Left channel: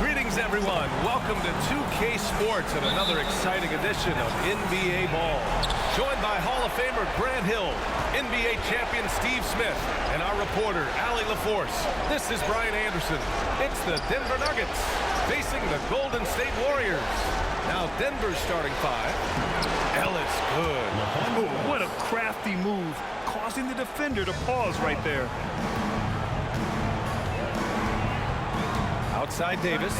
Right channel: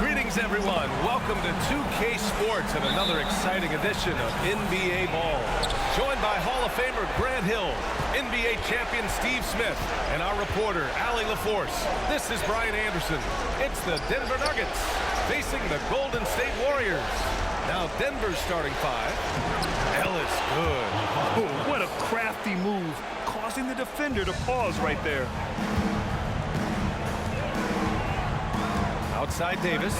Greetings, everyone. Welcome to 2K Sports and another exciting edition of NBA Ball. Joined by Hall of Famer Grant Hill, NBA champion Steve Smith, and our reporter, Allie LaForce. This is Brian Anderson. It's the Denver Nuggets facing the Golden State Warriors. Now Denver's starting five. Ellis, good. Oh, what a crafty move, causing the defender to pause right there. Outside Davis.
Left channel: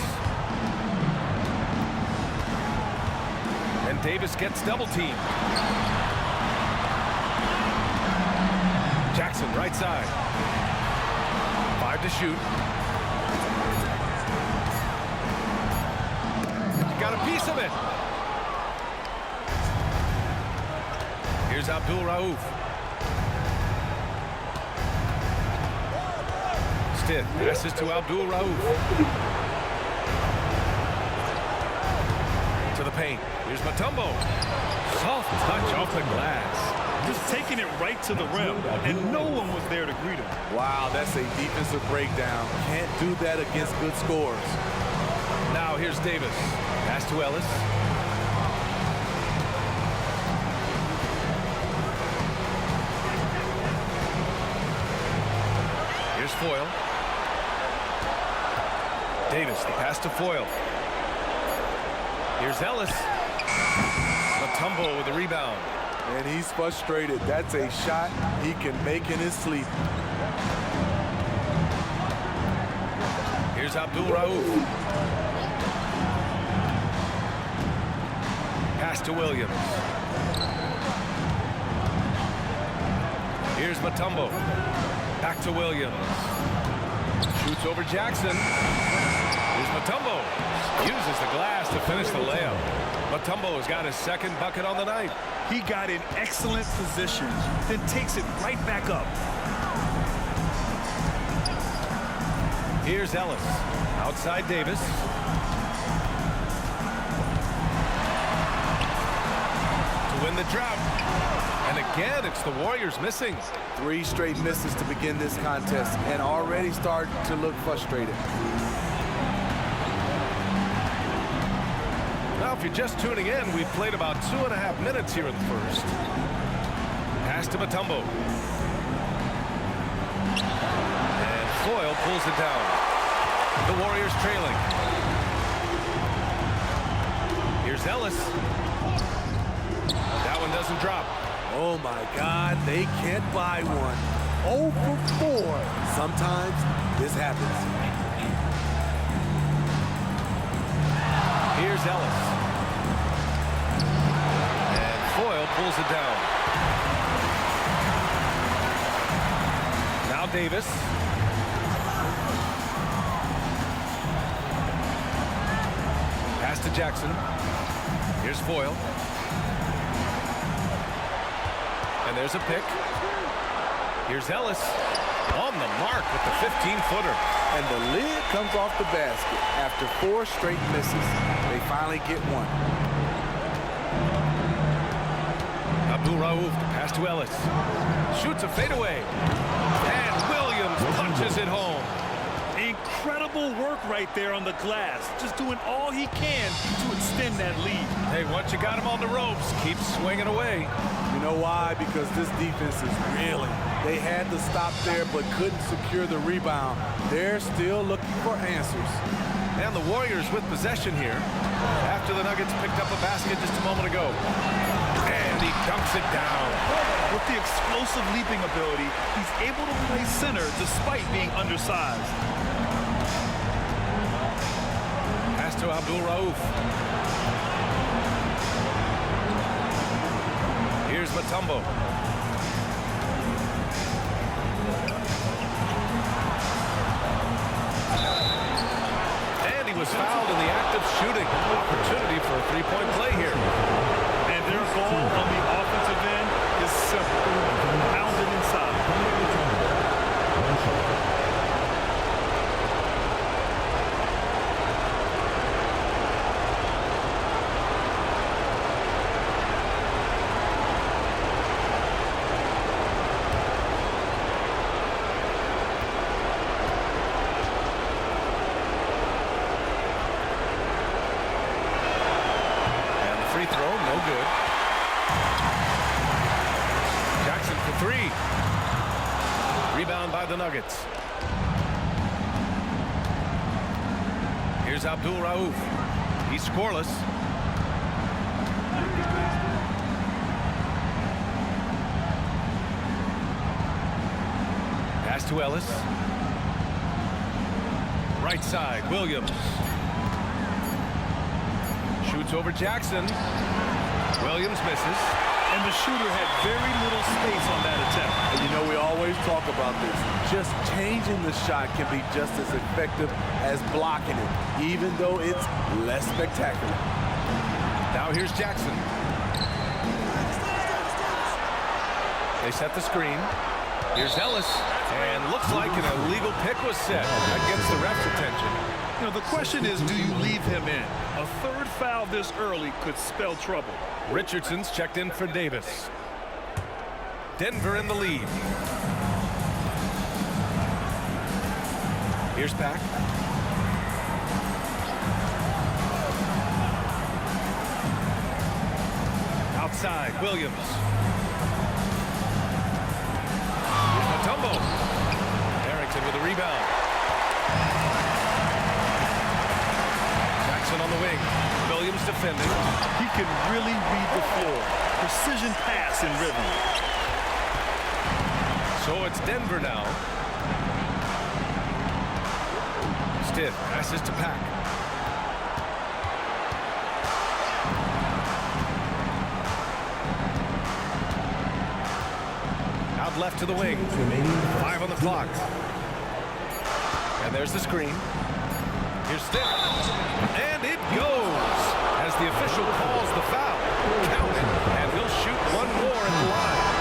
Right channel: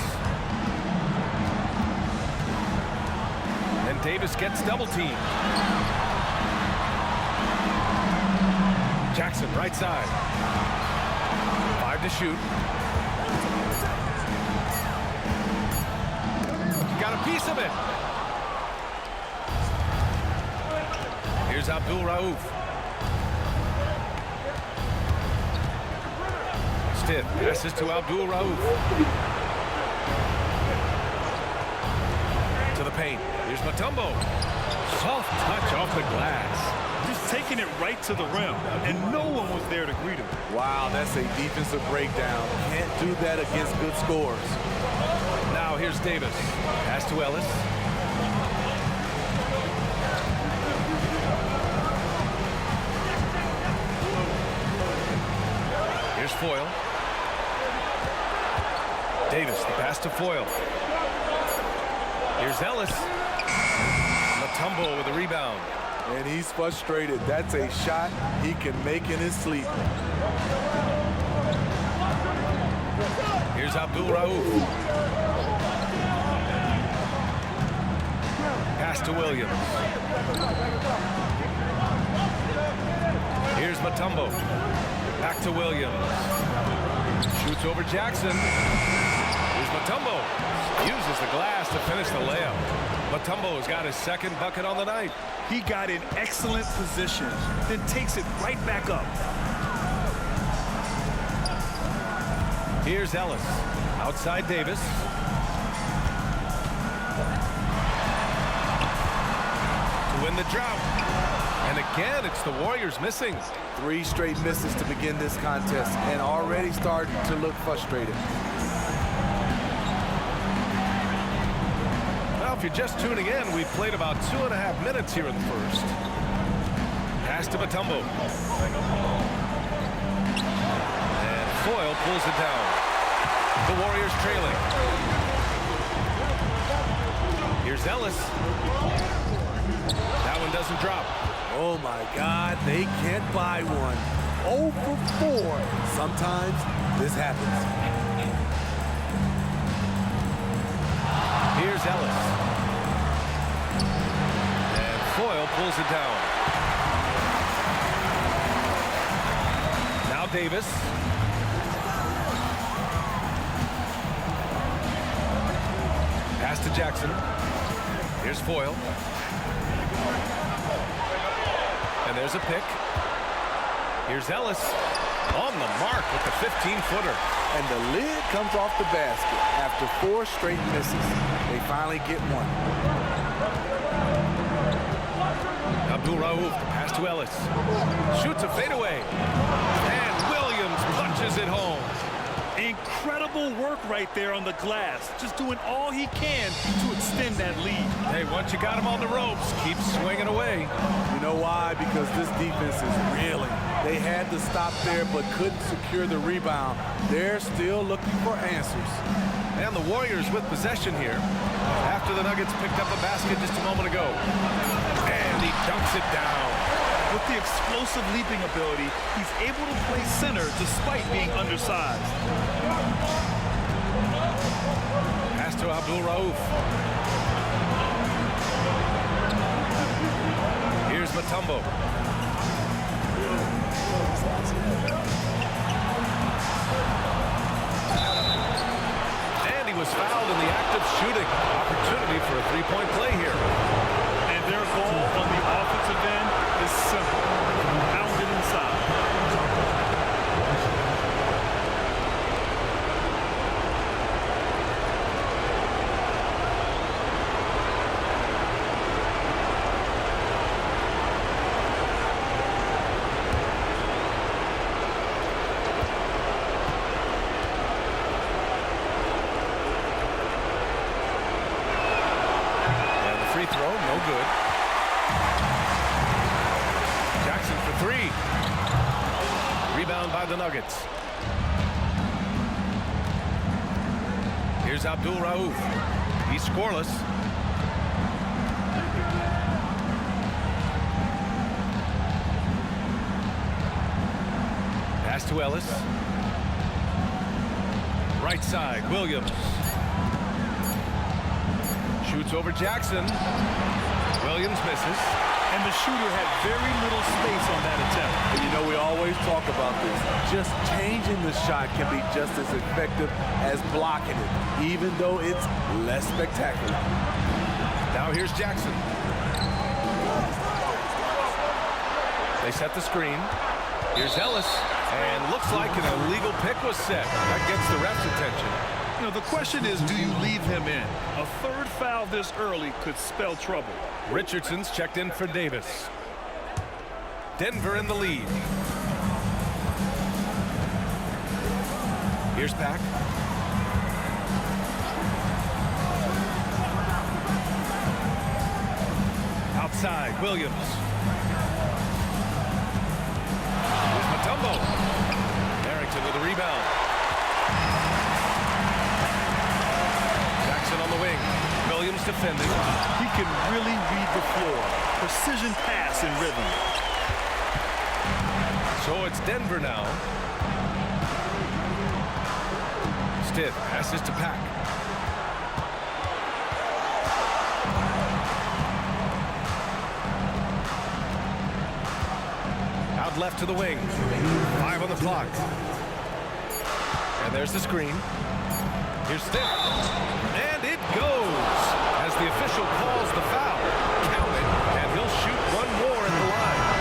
And Davis gets double teamed. Jackson, right side. 5 to shoot. Got a piece of it. Here's Abdul Rauf. Stith passes to Abdul Rauf. To the paint. Here's Mutombo. Soft touch off the glass. Just taking it right to the rim, and no one was there to greet him. Wow, that's a defensive breakdown. Can't do that against good scores. Now here's Davis. Pass to Ellis. Here's Foyle. Davis, the pass to Foyle. Here's Ellis. Mutombo with the rebound. And he's frustrated. That's a shot he can make in his sleep. Here's Abdul Rauf. Pass to Williams. Here's Mutombo. Back to Williams. Shoots over Jackson. Here's Mutombo. Uses the glass to finish the layup. Mutombo has got his second bucket on the night. He got in excellent position, then takes it right back up. Here's Ellis. Outside Davis. To win the drought. And again, it's the Warriors missing. 3 straight misses to begin this contest and already starting to look frustrated. Well, if you're just tuning in, we've played about 2.5 minutes here in the first. Pass to Mutombo. And Foyle pulls it down. The Warriors trailing. Here's Ellis. That one doesn't drop. Oh my God, they can't buy one. 0 for 4. Sometimes this happens. Here's Ellis. And Foyle pulls it down. Now Davis. Pass to Jackson. Here's Foyle. And there's a pick. Here's Ellis on the mark with the 15-footer. And the lid comes off the basket after 4 straight misses. They finally get one. Abdul Rauf, the pass to Ellis. Shoots a fadeaway. And Williams punches it home. Incredible work right there on the glass. Just doing all he can to extend that lead. Hey, once you got him on the ropes, keep swinging away. You know why? Because this defense is reeling. They had to stop there but couldn't secure the rebound. They're still looking for answers. And the Warriors with possession here after the Nuggets picked up a basket just a moment ago. And he dunks it down. With the explosive leaping ability, he's able to play center despite being undersized. Pass to Abdul Rauf. Here's Mutombo. And he was fouled in the act of shooting. Opportunity for a three-point play here. And their goal on the offensive end is simple. Pound it inside. free throw, no good. Jackson for three. Rebound by the Nuggets. Here's Abdul Rauf. He's scoreless. Pass to Ellis. Right side, Williams. Shoots over Jackson. Williams misses. And the shooter had very little space on that attempt. And you know, we always talk about this. Just changing the shot can be just as effective as blocking it, even though it's less spectacular. Now here's Jackson. They set the screen. Here's Ellis. And looks like an illegal pick was set. That gets the ref's attention. You know, the question is, do you leave him in? A third foul this early could spell trouble. Richardson's checked in for Davis. Denver in the lead. Here's Pack. Outside, Williams. Here's Mutombo. Harrington with a rebound. Jackson on the wing. Williams defending. He can really read the floor. Precision pass in rhythm. So it's Denver now. Stiff passes to Pack. Out left to the wing. 5 on the clock. And there's the screen. Here's Stiff. And it goes. As the official calls the foul. Count it. And he'll shoot one more at the line.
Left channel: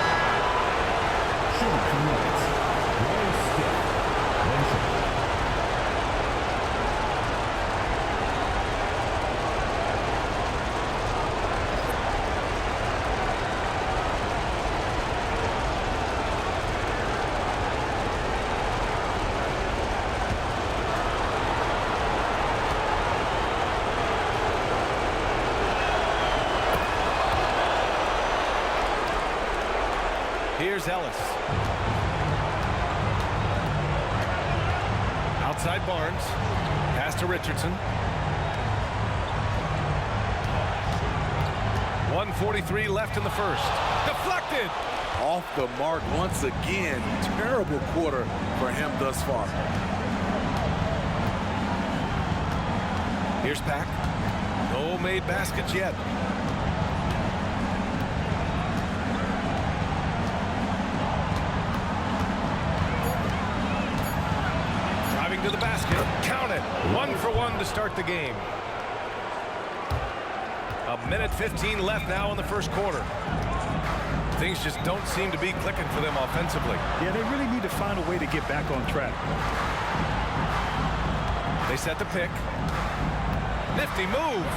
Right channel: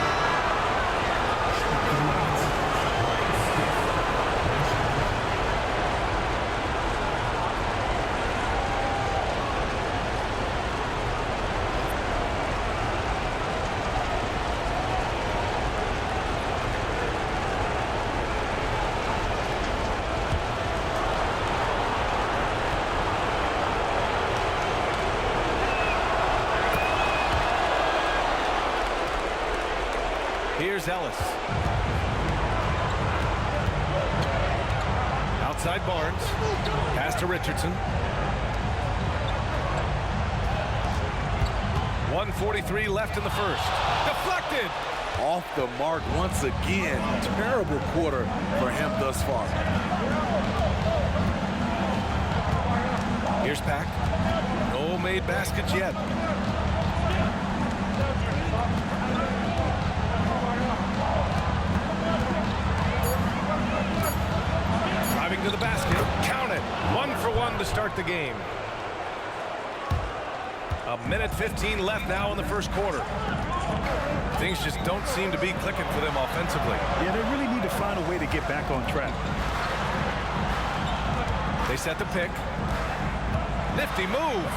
Here's Ellis. Outside Barnes. Pass to Richardson. 1:43 left in the first. Deflected. Off the mark once again. Terrible quarter for him thus far. Here's Pack. No made baskets yet. Driving to the basket. Count it. 1 for 1 to start the game. 1:15 left now in the first quarter. Things just don't seem to be clicking for them offensively. Yeah, they really need to find a way to get back on track. They set the pick. Nifty move.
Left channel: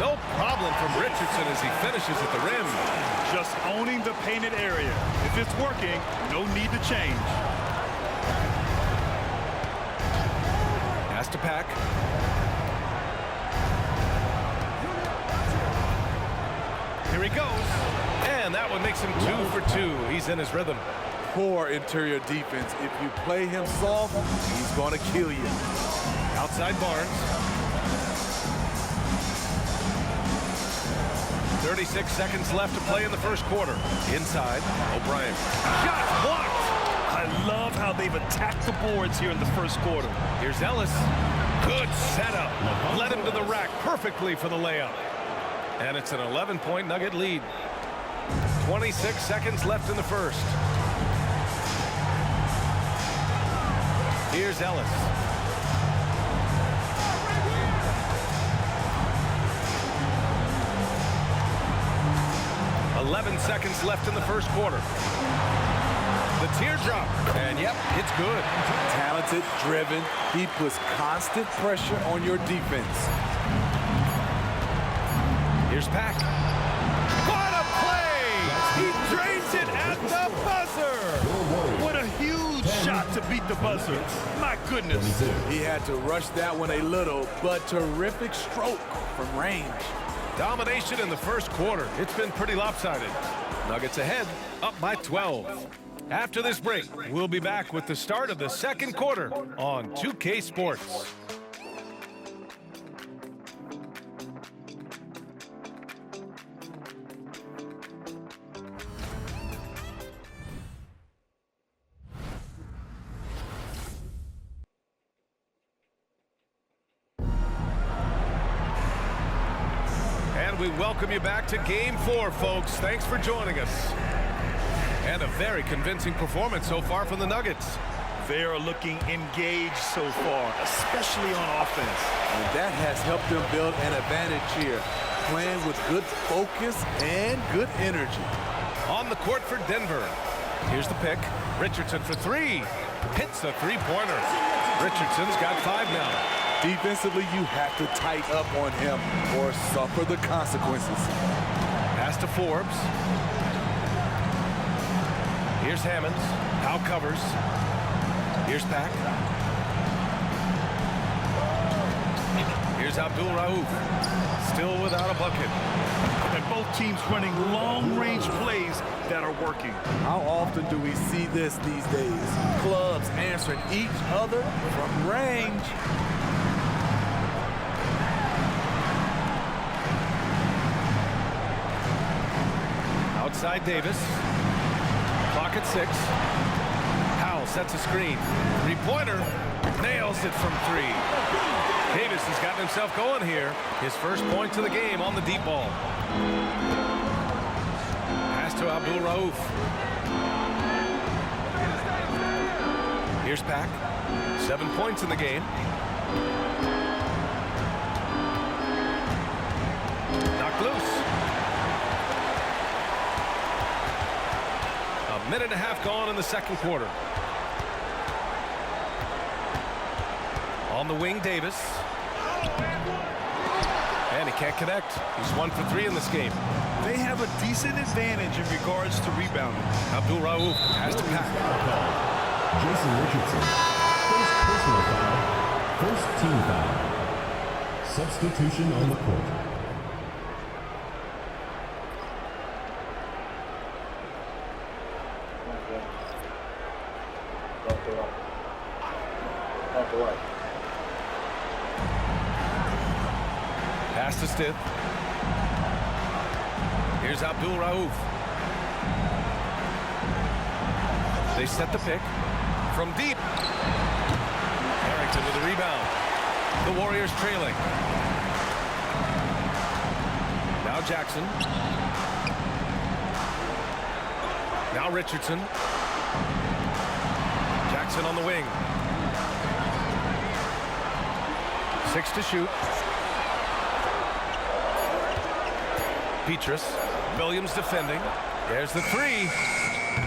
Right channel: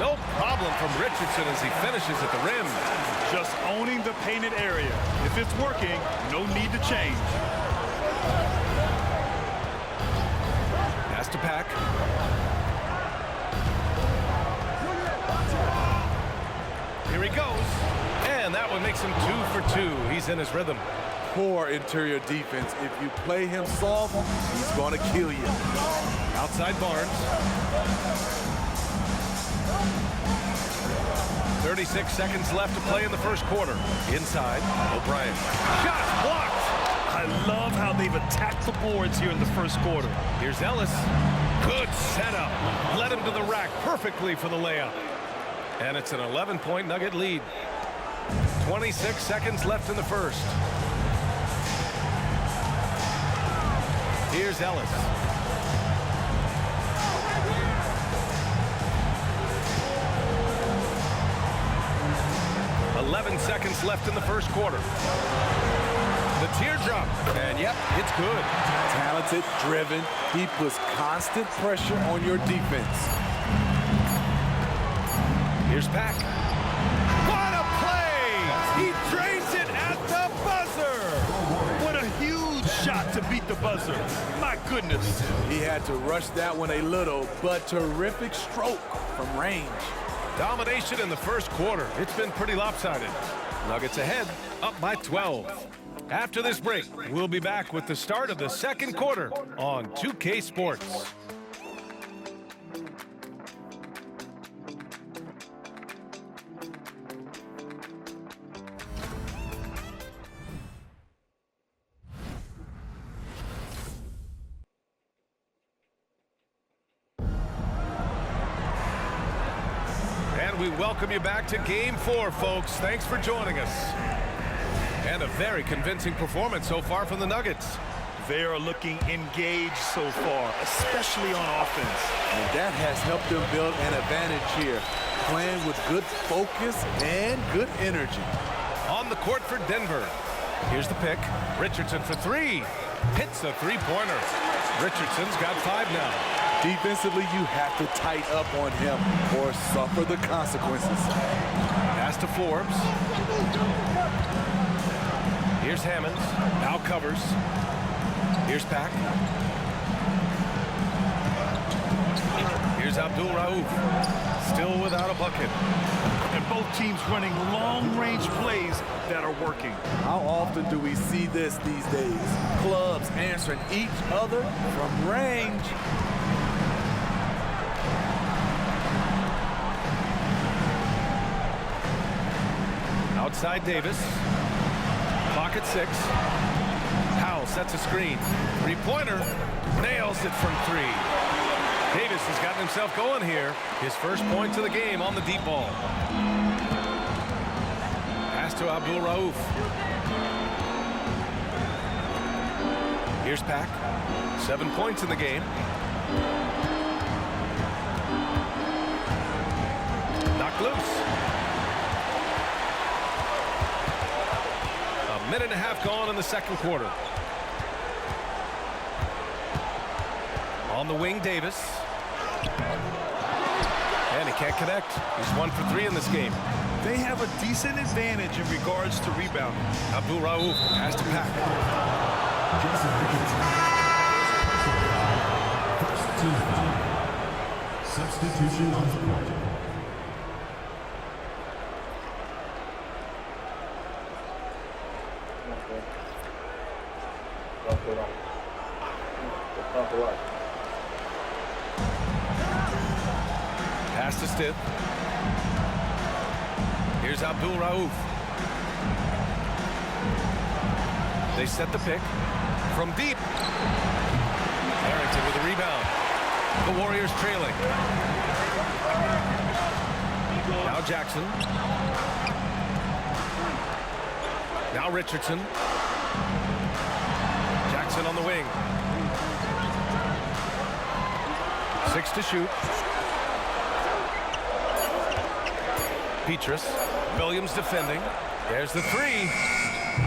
No problem from Richardson as he finishes at the rim. Just owning the painted area. If it's working, no need to change. Pass to Pack. Here he goes. And that one makes him 2 for 2. He's in his rhythm. Poor interior defense. If you play him soft, he's going to kill you. Outside Barnes. 36 seconds left to play in the first quarter. Inside, O'Brien. Shot blocked. I love how they've attacked the boards here in the first quarter. Here's Ellis. Good setup. Led him to the rack perfectly for the layup. And it's an 11-point Nugget lead. 26 seconds left in the first. Here's Ellis. "11 seconds left in the first quarter. The teardrop, and yep, it's good. Talented, driven. He puts constant pressure on your defense. Here's Pack. What a play! He drains it at the buzzer! What a huge shot to beat the buzzer. My goodness. He had to rush that one a little, but terrific stroke from range. Domination in the first quarter. It's been pretty lopsided. Nuggets ahead, up by 12. After this break, we'll be back with the start of the second quarter on 2K Sports. And we welcome you back to Game 4, folks. Thanks for joining us. And a very convincing performance so far from the Nuggets. They are looking engaged so far, especially on offense. And that has helped them build an advantage here, playing with good focus and good energy. On the court for Denver. Here's the pick. Richardson for three. Hits the three-pointer. Richardson's got 5 now. Defensively, you have to tighten up on him or suffer the consequences. Pass to Forbes. Here's Hammonds. Now covers. Here's Pack. Here's Abdul Rauf. Still without a bucket. And both teams running long-range plays that are working. How often do we see this these days? Clubs answering each other from range. Outside Davis. Clock at 6. Powell sets a screen. Three-pointer. Nails it from 3. Davis has gotten himself going here. His first points of the game on the deep ball. Pass to Abdul Rauf. Here's Pack. 7 points in the game. Knocked loose. A minute and a half gone in the second quarter. On the wing, Davis. And he can't connect. He's 1 for 3 in this game. They have a decent advantage in regards to rebounding. Abdul Rauf has to Pack. Jason Richardson. First personal foul. First team foul. Substitution on the court. Pass to Stith. Here's Abdul Rauf. They set the pick from deep. Harrington with a rebound. The Warriors trailing. Now Jackson. Now Richardson. Jackson on the wing. 6 to shoot. Petrus. Williams defending. There's the 3.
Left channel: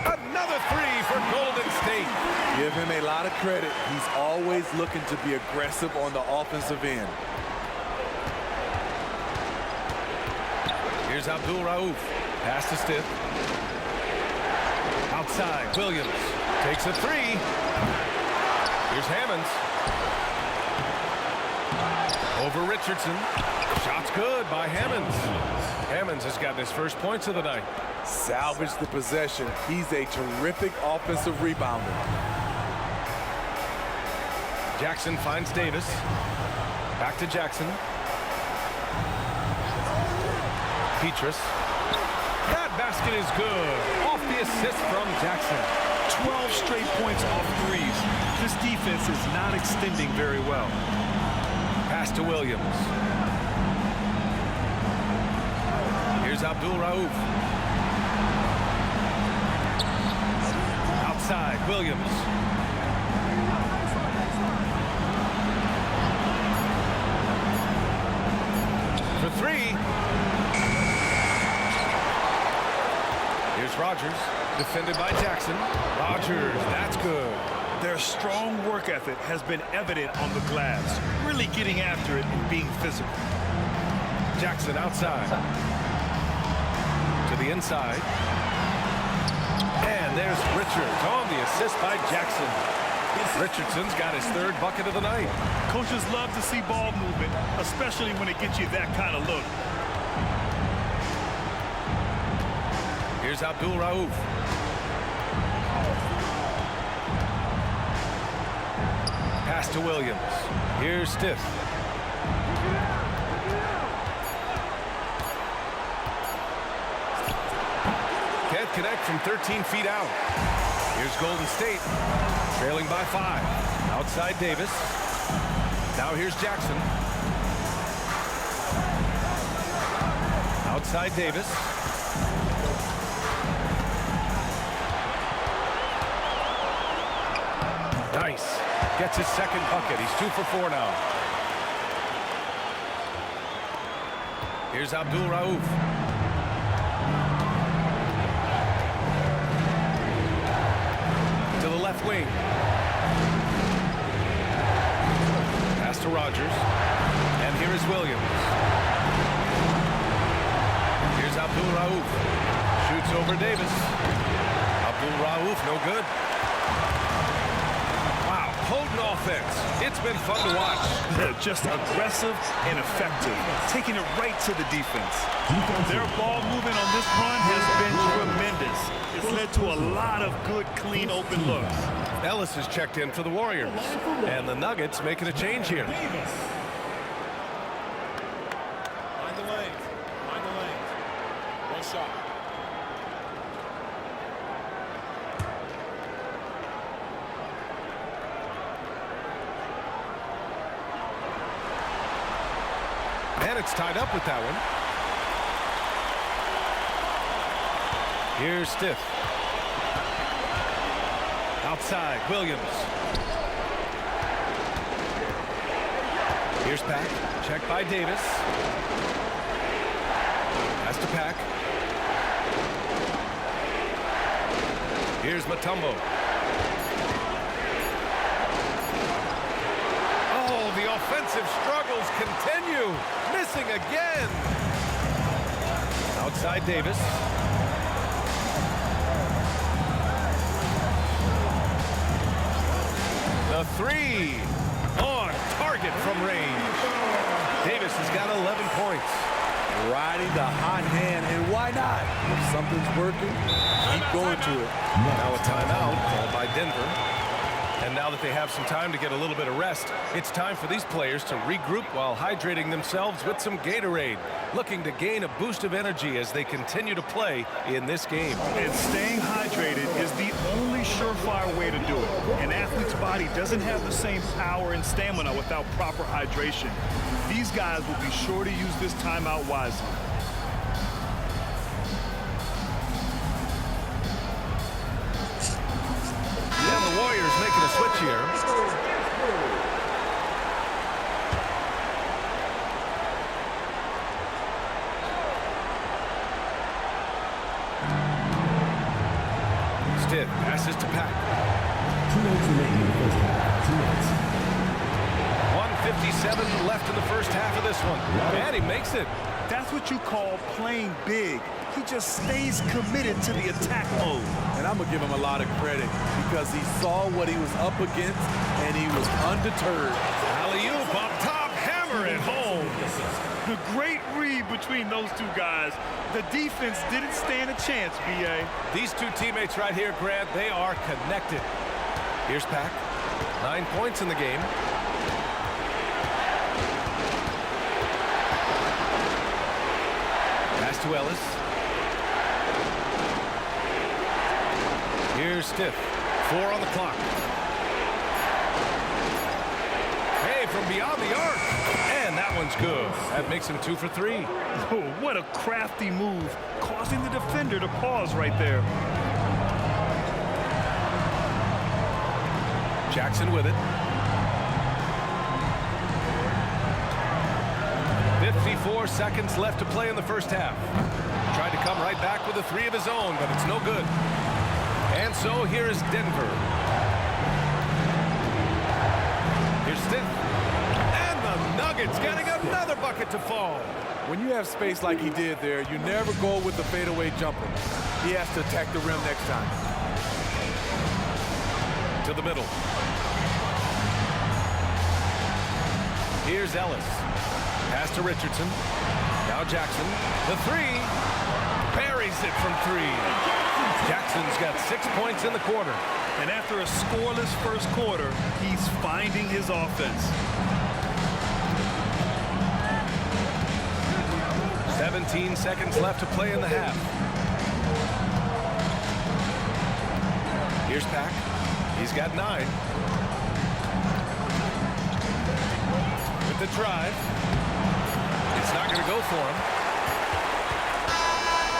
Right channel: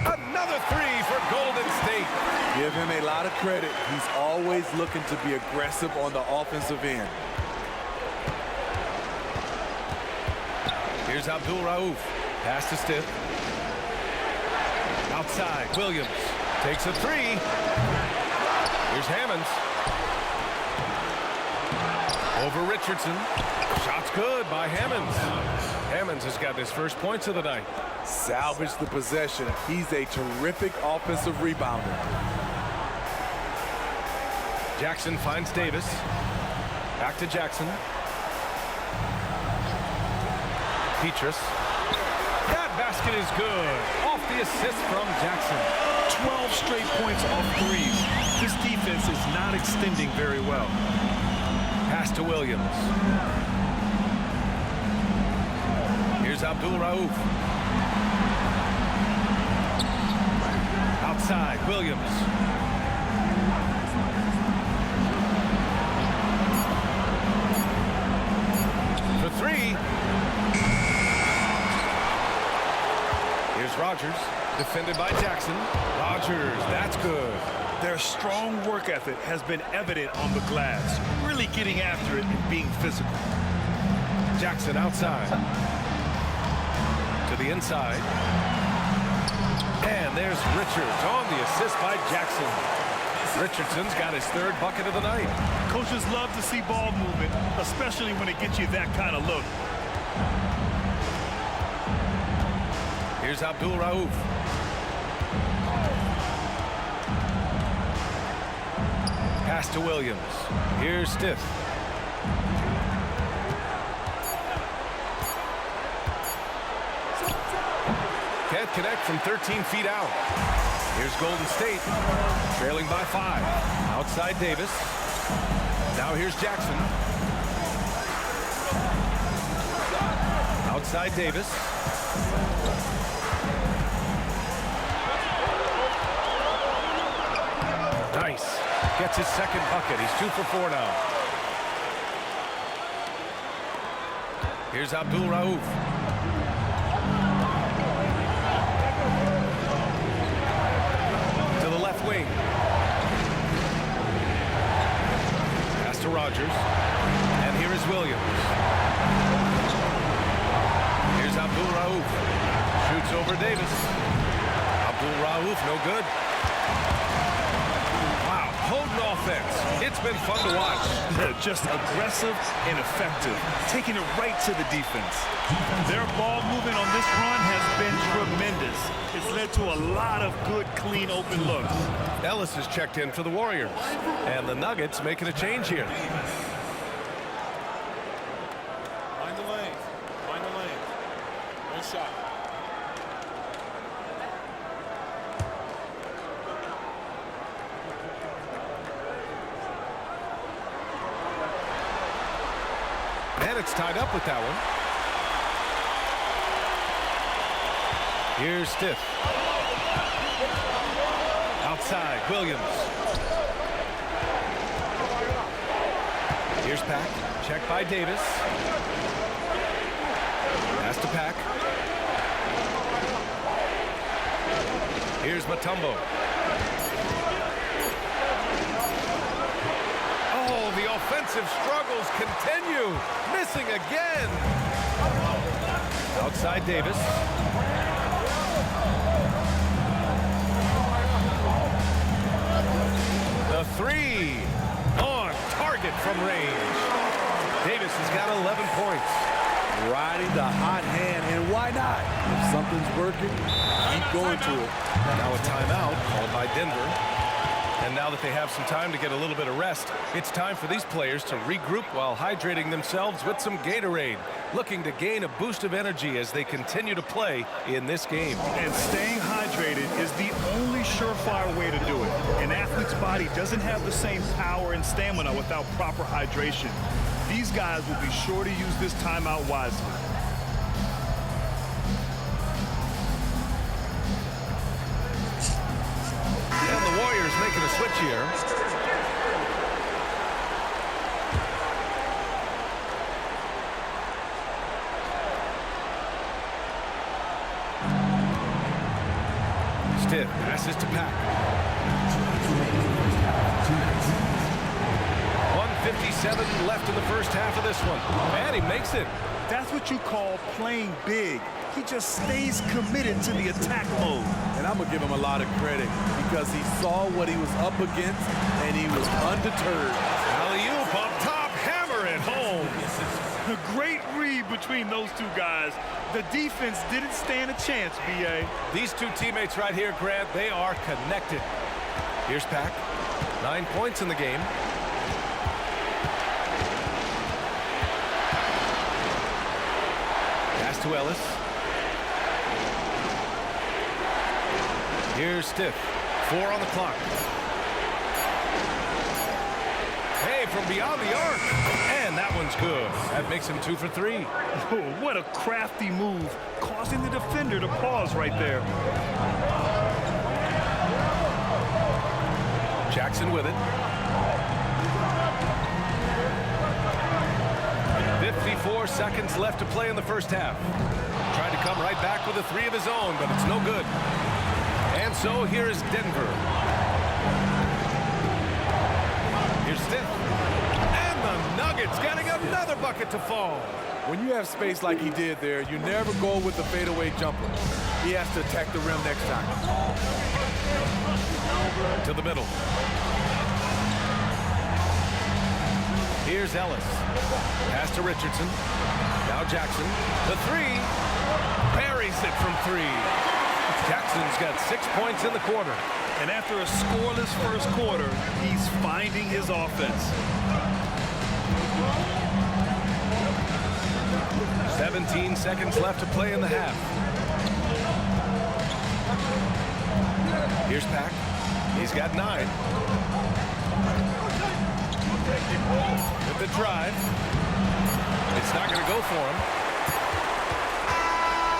Another 3 for Golden State. Give him a lot of credit. He's always looking to be aggressive on the offensive end. Here's Abdul Rauf. Pass to Stith. Outside, Williams takes a 3. Here's Hammonds. Over Richardson. Shot's good by Hammonds. Hammonds has got his first points of the night. Salvage the possession. He's a terrific offensive rebounder. Jackson finds Davis. Back to Jackson. Petrus. That basket is good. Off the assist from Jackson. 12 straight points off threes. This defense is not extending very well. Pass to Williams. Here's Abdul Rauf. Outside, Williams. For 3. Here's Rogers, defended by Jackson. Rogers, that's good. Their strong work ethic has been evident on the glass, really getting after it and being physical. Jackson outside. To the inside. And there's Richards on the assist by Jackson. Richardson's got his 3rd bucket of the night. Coaches love to see ball movement, especially when it gets you that kind of look. Here's Abdul Rauf. Pass to Williams. Here's Stith. Can't connect from 13 feet out. Here's Golden State, trailing by 5. Outside Davis. Now here's Jackson. Outside Davis. Nice. Gets his second bucket. He's 2 for 4 now. Here's Abdul Rauf. To the left wing. Pass to Rogers. And here is Williams. Here's Abdul Rauf. Shoots over Davis. Abdul Rauf, no good. Wow, potent offense. It's been fun to watch. Just aggressive and effective, taking it right to the defense. Their ball movement on this run has been tremendous. It's led to a lot of good, clean, open looks. Ellis is checked in for the Warriors, and the Nuggets making a change here. Mind the lanes. Mind the lanes. One shot. And it's tied up with that one. Here's Stith. Outside, Williams. Here's Pack. Checked by Davis. Pass to Pack. Here's Mutombo. Oh, the offensive struggles continue. Missing again. Outside Davis. The three on target from range. Davis has got 11 points. Riding the hot hand, and why not? If something's working, keep going to it. Now a timeout called by Denver. And now that they have some time to get a little bit of rest, it's time for these players to regroup while hydrating themselves with some Gatorade, looking to gain a boost of energy as they continue to play in this game. And staying hydrated is the only surefire way to do it. An athlete's body doesn't have the same power and stamina without proper hydration. These guys will be sure to use this timeout wisely. And the Warriors making a switch here. Stith passes to Pack. 2 minutes remaining in the first half. 2 minutes. 1:57 left in the first half of this one. And he makes it. That's what you call playing big. He just stays committed to the attack mode. And I'm going to give him a lot of credit because he saw what he was up against, and he was undeterred. Alley-oop up top, hammer it home. A great read between those two guys. The defense didn't stand a chance, B.A. These two teammates right here, Grant, they are connected. Here's Pack. 9 points in the game. Pass to Ellis. Here's Stith. 4 on the clock. Hey, from beyond the arc. And that one's good. That makes him 2 for 3. Oh, what a crafty move, causing the defender to pause right there. Jackson with it. 54 seconds left to play in the first half. Tried to come right back with a 3 of his own, but it's no good. And so here is Denver. Here's Stith. And the Nuggets getting another bucket to fall. When you have space like he did there, you never go with the fadeaway jumper. He has to attack the rim next time. To the middle. Here's Ellis. Pass to Richardson. Now Jackson, the three, buries it from three. Jackson's got 6 points in the quarter. And after a scoreless first quarter, he's finding his offense. 17 seconds left to play in the half. Here's Pack. He's got 9. With the drive. It's not going to go for him.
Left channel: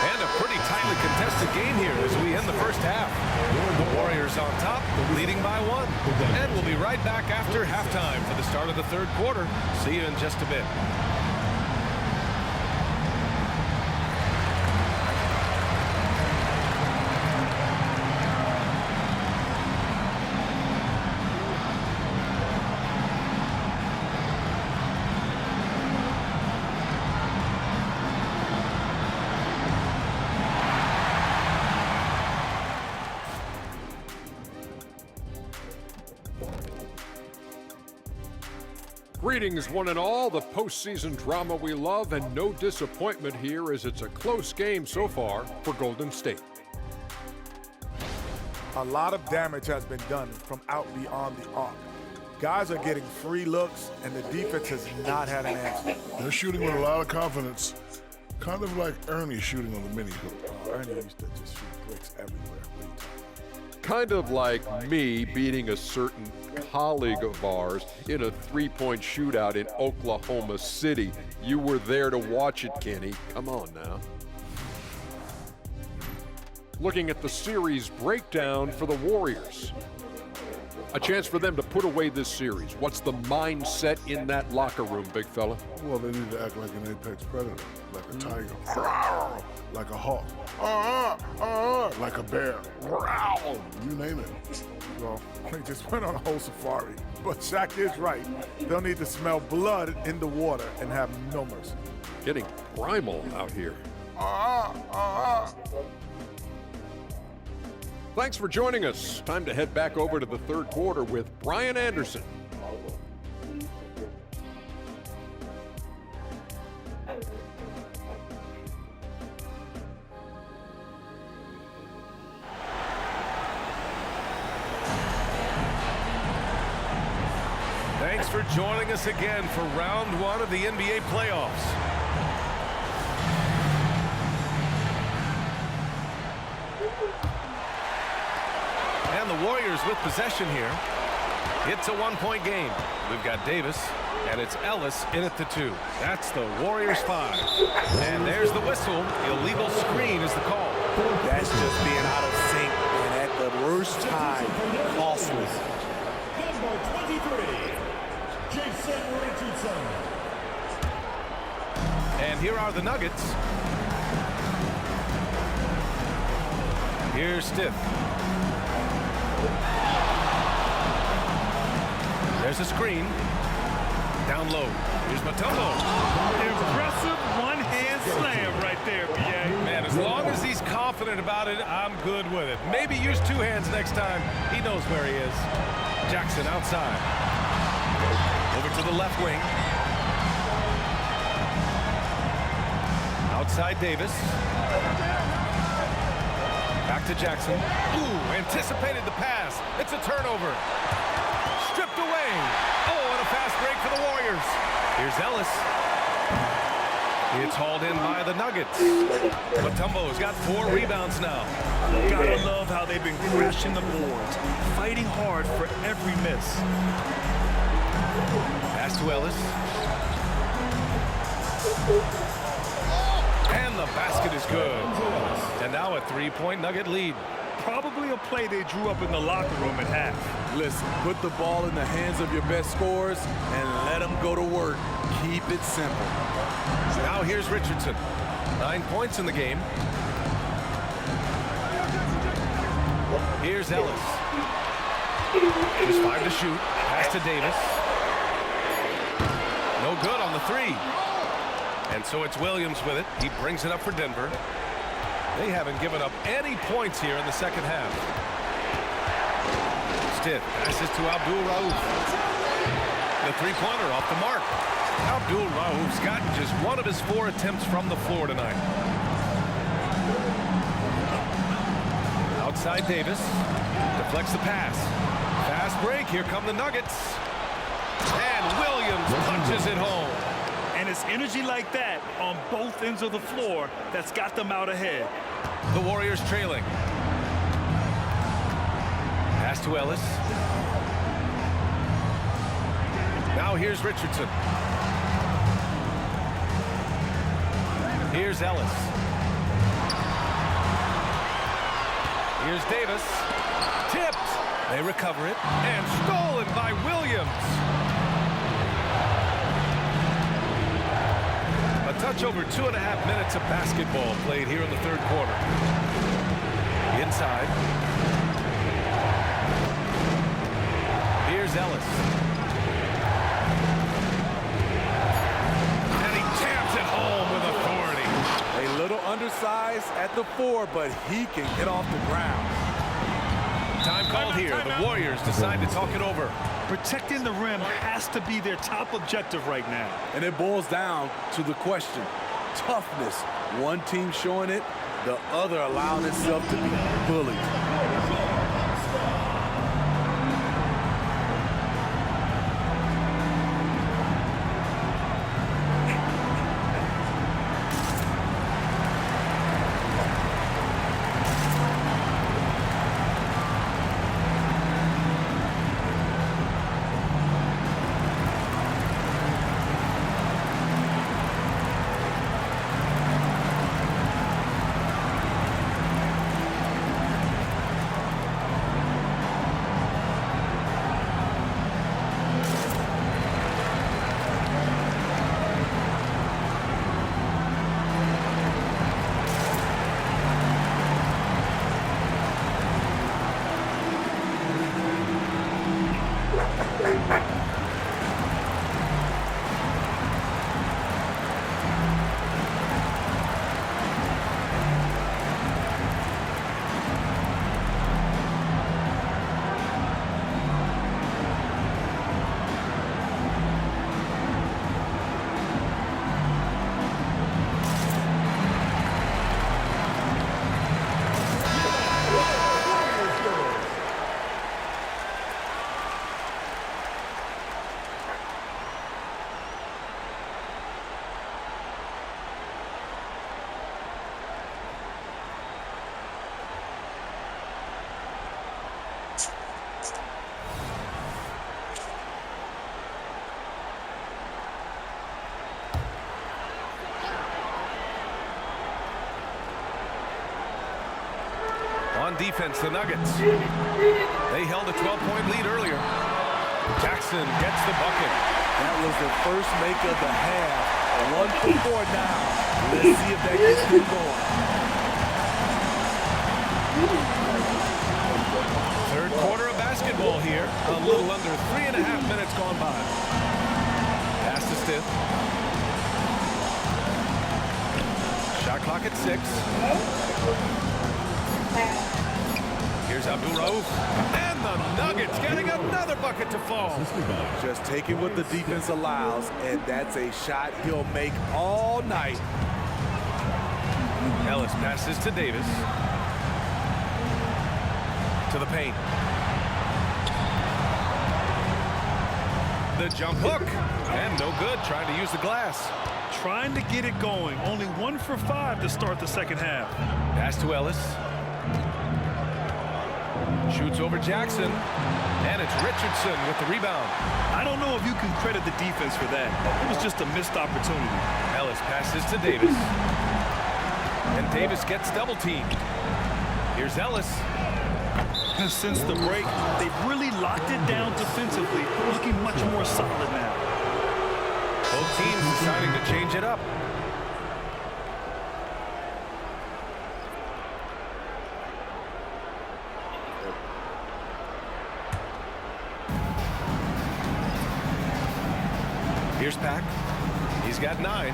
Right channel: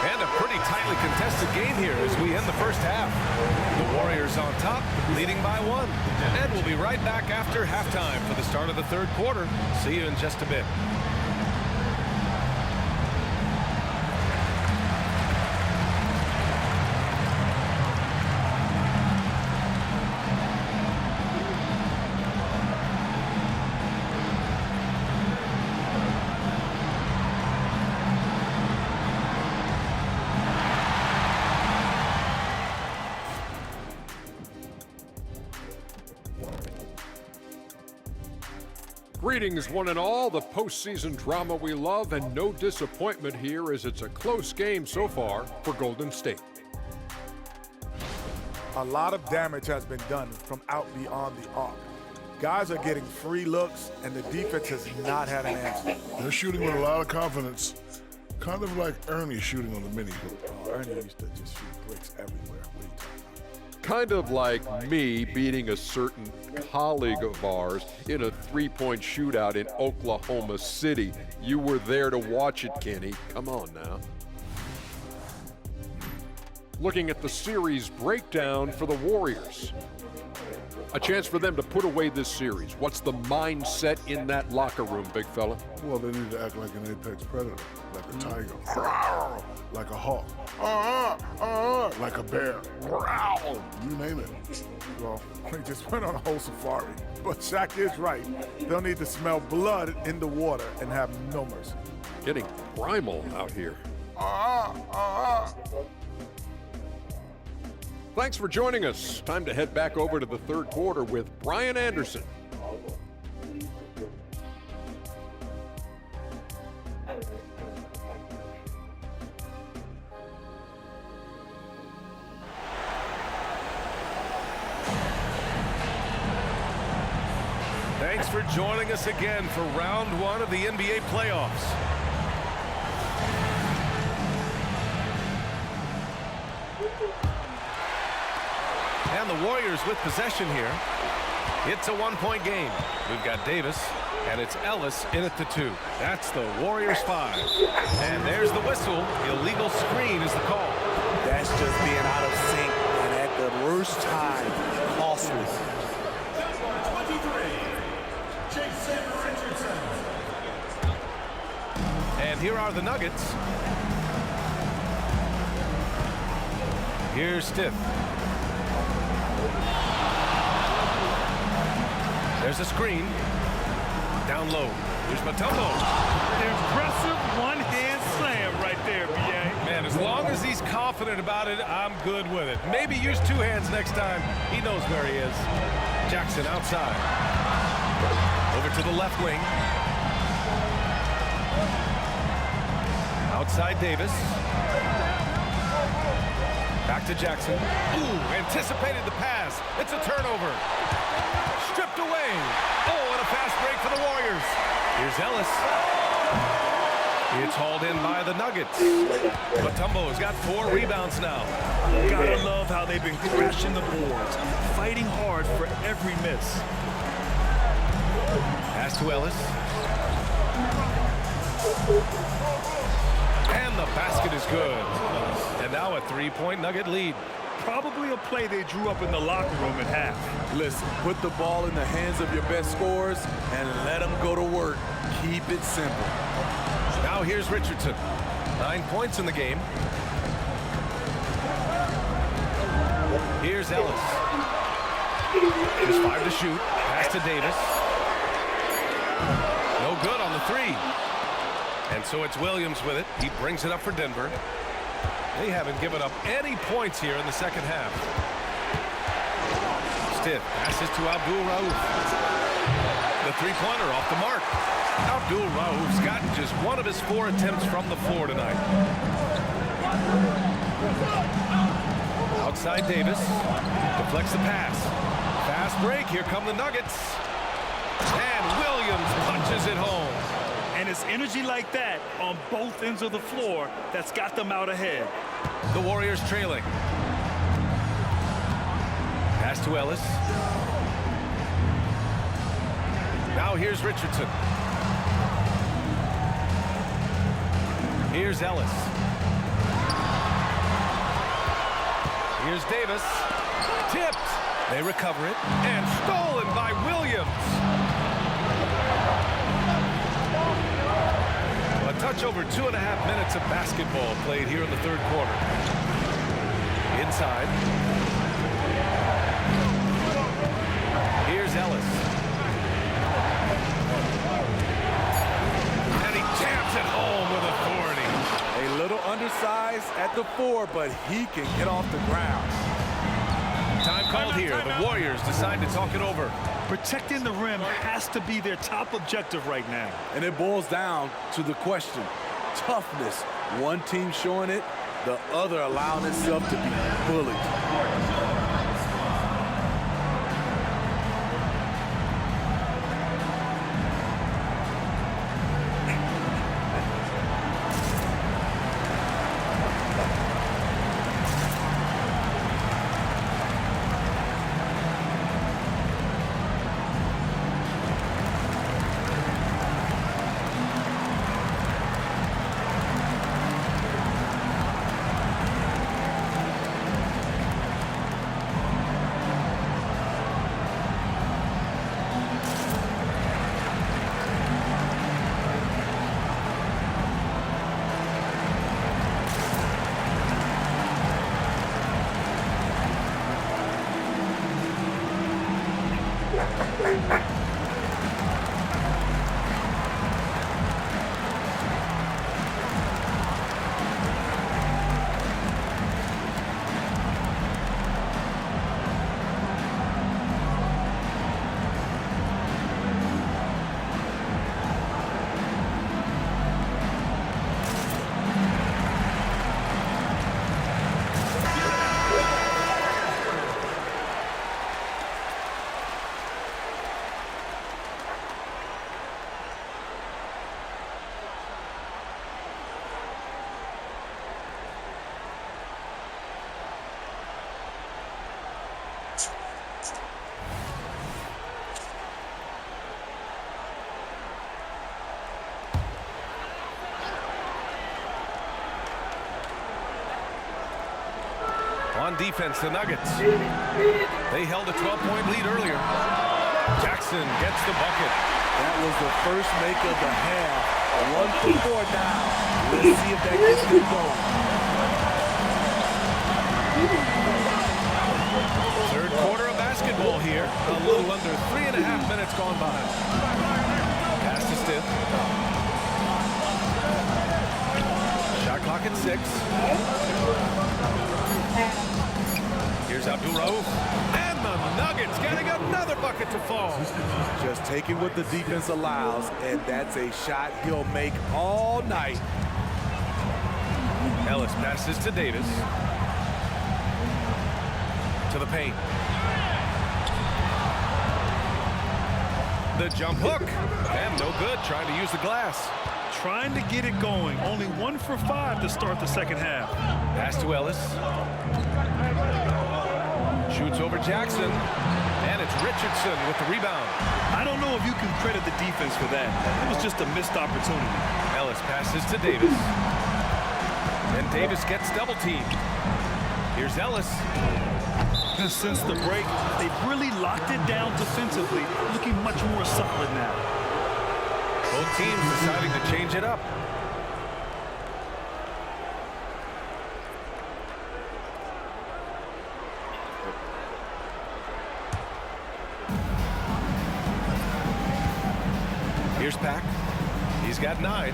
And a pretty tightly contested game here as we end the first half. The Warriors on top, leading by 1. And we'll be right back after halftime for the start of the third quarter. See you in just a bit. Greetings, one and all. The postseason drama we love, and no disappointment here as it's a close game so far for Golden State. A lot of damage has been done from out beyond the arc. Guys are getting free looks, and the defense has not had an answer. They're shooting with a lot of confidence, kind of like Ernie shooting on the mini hoop. Ernie used to just shoot bricks everywhere. What are you talking about? Kind of like me beating a certain colleague of ours in a three-point shootout in Oklahoma City. You were there to watch it, Kenny. Come on now. Looking at the series breakdown for the Warriors. A chance for them to put away this series. What's the mindset in that locker room, big fella? Well, they need to act like an apex predator, like a tiger, like a hawk, like a bear, you name it. Well, they just went on a whole safari. But Shaq is right. They'll need to smell blood in the water and have no mercy. Getting primal out here. Thanks for joining us. Time to head back over to the third quarter with Brian Anderson. Thanks for joining us again for round 1 of the NBA playoffs. And the Warriors with possession here. It's a one-point game. We've got Davis, and it's Ellis in at the 2. That's the Warriors 5. And there's the whistle. Illegal screen is the call. That's just being out of sync and at the worst time, costly. Number 23, Jason Richardson. And here are the Nuggets. Here's Stith. There's a screen. Down low. Here's Mutombo. Impressive one-hand slam right there, B.A. Man, as long as he's confident about it, I'm good with it. Maybe use 2 hands next time. He knows where he is. Jackson outside. Over to the left wing. Outside Davis. Back to Jackson. Ooh, anticipated the pass. It's a turnover. Stripped away. Oh, and a fast break for the Warriors. Here's Ellis. It's hauled in by the Nuggets. Mutombo's got 4 rebounds now. Gotta love how they've been crashing the boards, fighting hard for every miss. Pass to Ellis. And the basket is good. And now a 3-point Nugget lead. Probably a play they drew up in the locker room at half. Listen, put the ball in the hands of your best scorers and let them go to work. Keep it simple. Now here's Richardson. 9 points in the game. Here's Ellis. Just 5 to shoot. Pass to Davis. No good on the 3. And so it's Williams with it. He brings it up for Denver. They haven't given up any points here in the second half. Stith passes to Abdul Rauf. The three-pointer off the mark. Abdul Rauf's gotten just one of his 4 attempts from the floor tonight. Outside Davis. Deflects the pass. Fast break. Here come the Nuggets. And Williams punches it home. And it's energy like that on both ends of the floor that's got them out ahead. The Warriors trailing. Pass to Ellis. Now here's Richardson. Here's Ellis. Here's Davis. Tipped. They recover it. And stolen by Williams. A touch over 2.5 minutes of basketball played here in the third quarter. Inside. Here's Ellis. And he jams it home with authority. A little undersized at the 4, but he can get off the ground. Time called here. The Warriors decide to talk it over. Protecting the rim has to be their top objective right now. And it boils down to the question. Toughness. One team showing it, the other allowing itself to be bullied. On defense, the Nuggets. They held a 12-point lead earlier. Jackson gets the bucket. That was the first make of the half. 1 for 4 now. Let's see if that gets them going. Third quarter of basketball here. A little under 3.5 minutes gone by. Pass to Stith. Shot clock at 6. Here's Abdul Rauf. And the Nuggets getting another bucket to fall. Just taking what the defense allows, and that's a shot he'll make all night. Ellis passes to Davis. To the paint. The jump hook. And no good, trying to use the glass. Trying to get it going. Only 1 for 5 to start the second half. Pass to Ellis. Shoots over Jackson. And it's Richardson with the rebound. I don't know if you can credit the defense for that. It was just a missed opportunity. Ellis passes to Davis. And Davis gets double teamed. Here's Ellis. Since the break, they've really locked it down defensively, looking much more solid now. Both teams deciding to change it up. Here's Pack. He's got 9.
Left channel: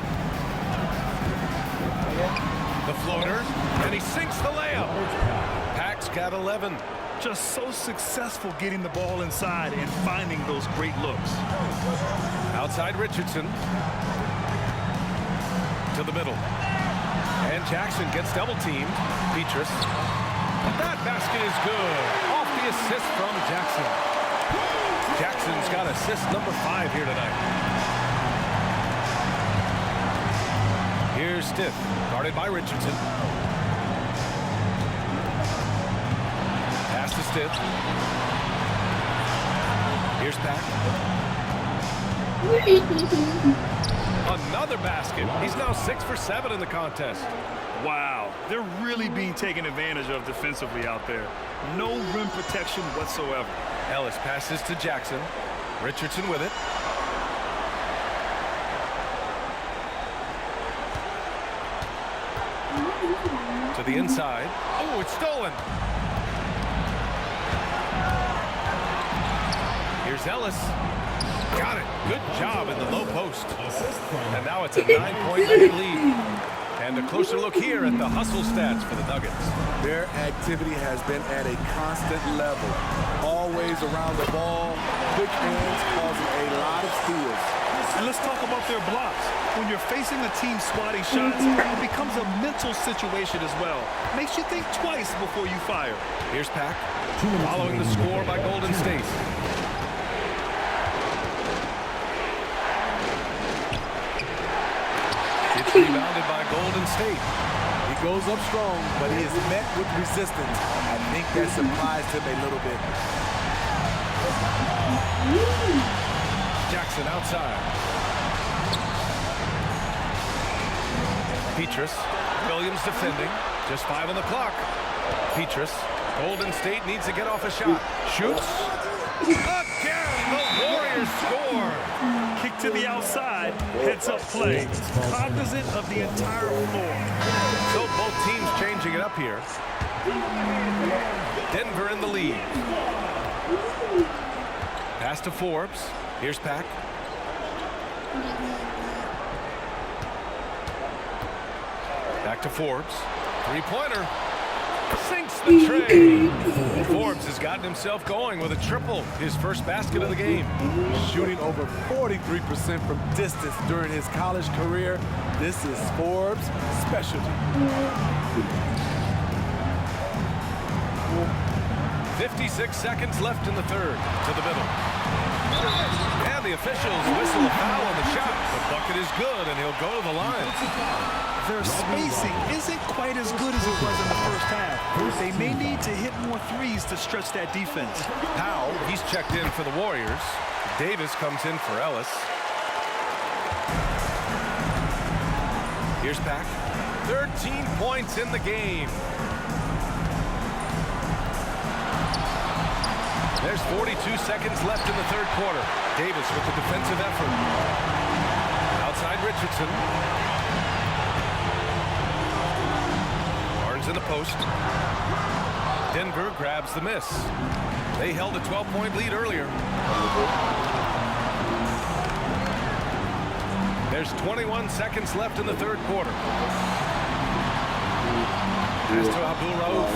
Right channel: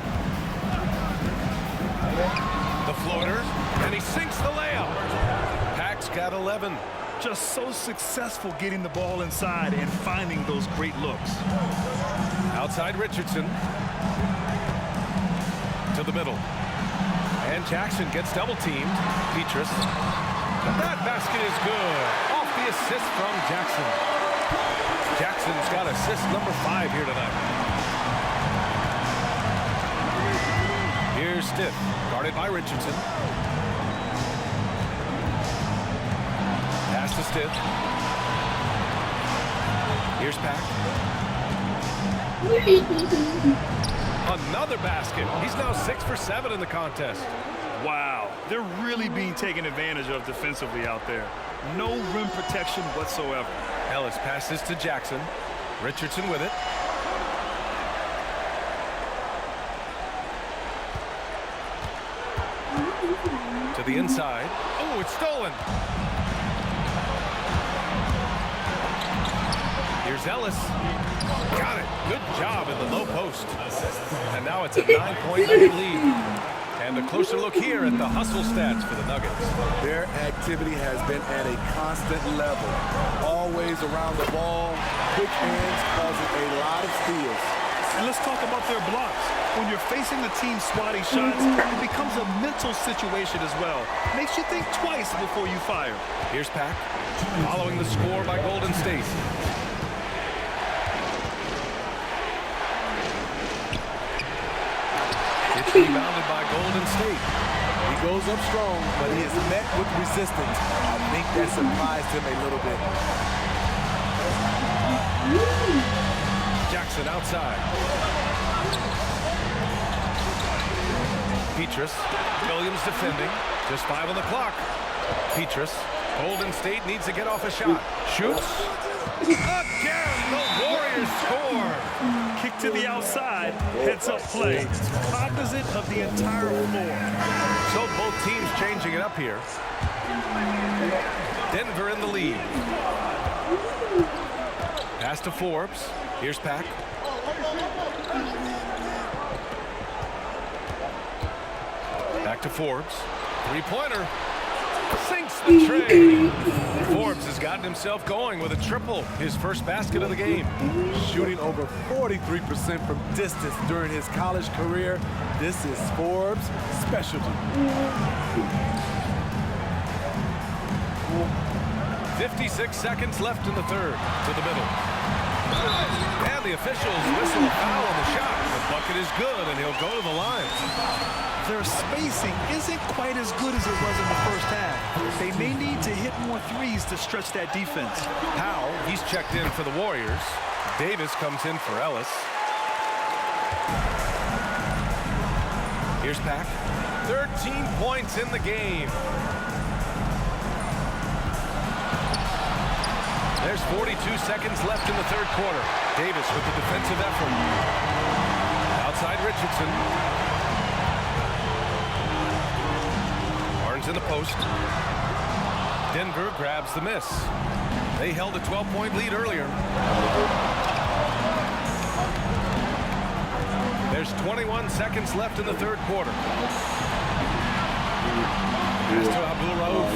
The floater, and he sinks the layup. Pack's got 11. Just so successful getting the ball inside and finding those great looks. Outside Richardson. To the middle. And Jackson gets double-teamed. Petrus. And that basket is good. Off the assist from Jackson. Jackson's got assist number 5 here tonight. Here's Stiff, guarded by Richardson. Pass to Stiff. Here's Pack. Another basket. He's now 6 for 7 in the contest. Wow, they're really being taken advantage of defensively out there. No rim protection whatsoever. Ellis passes to Jackson. Richardson with it. To the inside. Oh, it's stolen. Here's Ellis. Got it. Good job in the low post. And now it's a 9-point Nugget lead. And a closer look here at the hustle stats for the Nuggets. Their activity has been at a constant level. Always around the ball, quick hands causing a lot of steals. And let's talk about their blocks. When you're facing a team swatting shots, it becomes a mental situation as well. Makes you think twice before you fire. Here's Pack, following the score by Golden State. It's rebounded by Golden State. He goes up strong, but he is met with resistance. I think that surprised him a little bit. Jackson outside. Petrus. Williams defending. Just 5 on the clock. Petrus. Golden State needs to get off a shot. Shoots. Again, the Warriors score. Kick to the outside, heads-up play. Cognizant of the entire floor. So both teams changing it up here. Denver in the lead. Pass to Forbes. Here's Pack. Back to Forbes. Three-pointer. Sinks the tray. Forbes has gotten himself going with a triple, his first basket of the game. Shooting over 43% from distance during his college career. This is Forbes' specialty. 56 seconds left in the third. To the middle. And the officials whistle a foul on the shot. The bucket is good, and he'll go to the line. Their spacing isn't quite as good as it was in the first half. They may need to hit more threes to stretch that defense. Powell, he's checked in for the Warriors. Davis comes in for Ellis. Here's Pack. 13 points in the game. There's 42 seconds left in the third quarter. Davis with the defensive effort. Outside Richardson. Barnes in the post. Denver grabs the miss. They held a 12-point lead earlier. There's 21 seconds left in the third quarter. Pass to Abdul Rauf.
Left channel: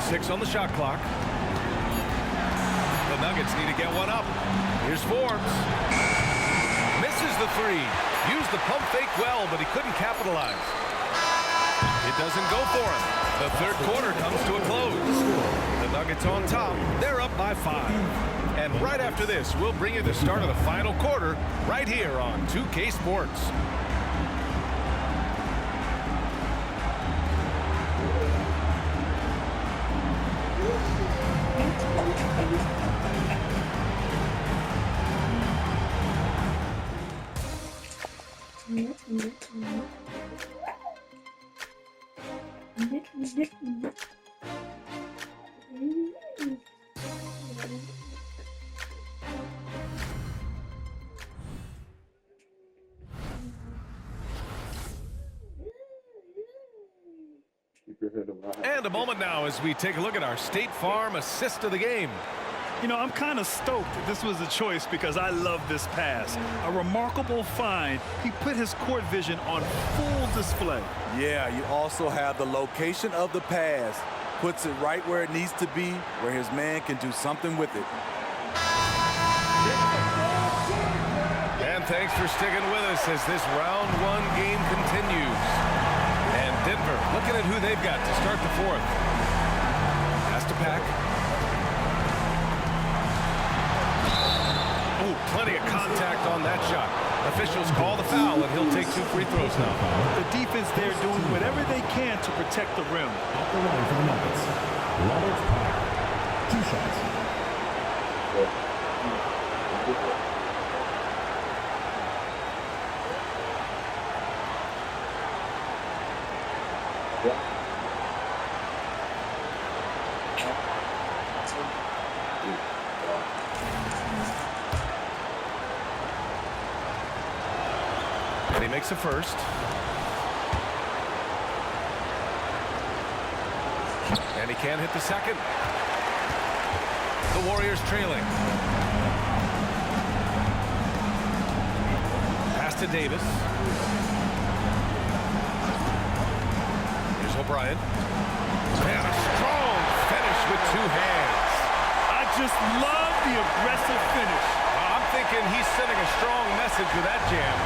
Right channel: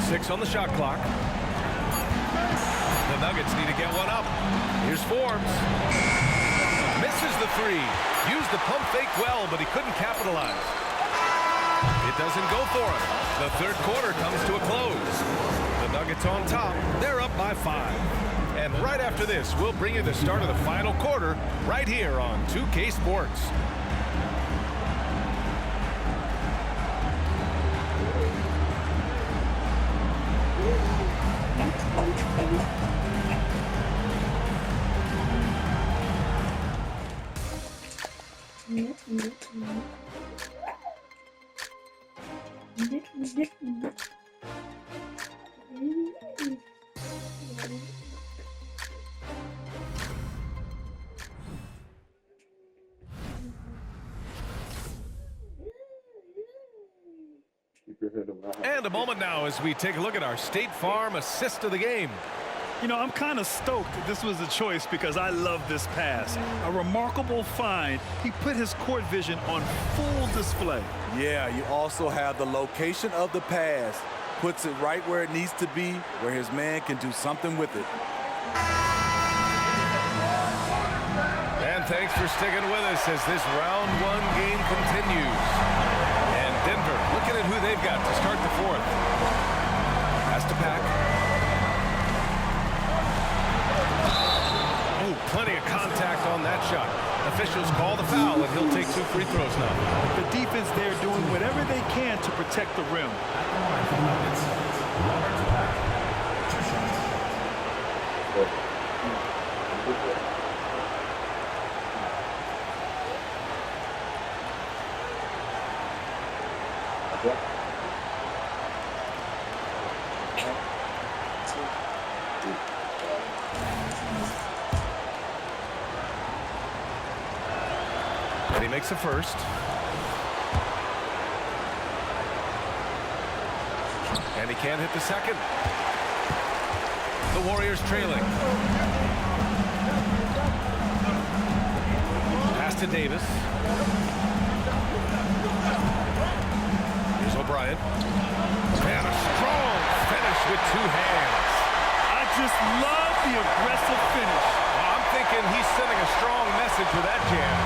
6 on the shot clock. The Nuggets need to get one up. Here's Forbes. Misses the three. Used the pump fake well, but he couldn't capitalize. It doesn't go for him. The third quarter comes to a close. The Nuggets on top. They're up by 5. And right after this, we'll bring you the start of the final quarter right here on 2K Sports. And a moment now as we take a look at our State Farm assist of the game. You know, I'm kind of stoked that this was a choice because I love this pass. A remarkable find. He put his court vision on full display. Yeah, you also have the location of the pass. Puts it right where it needs to be, where his man can do something with it. And thanks for sticking with us as this round one game continues. And Denver looking at who they've got to start the fourth. Has to pack. Oh, plenty of contact on that shot. Officials call the foul, and he'll take 2 free throws now. The defense there doing whatever they can to protect the rim. At the line for the Nuggets, Robert Pack. 2 shots. And he makes a first. And he can't hit the second. The Warriors trailing. Pass to Davis. Here's O'Brien. And a strong finish with 2 hands. I just love the aggressive finish. Well, I'm thinking he's sending a strong message with that jam.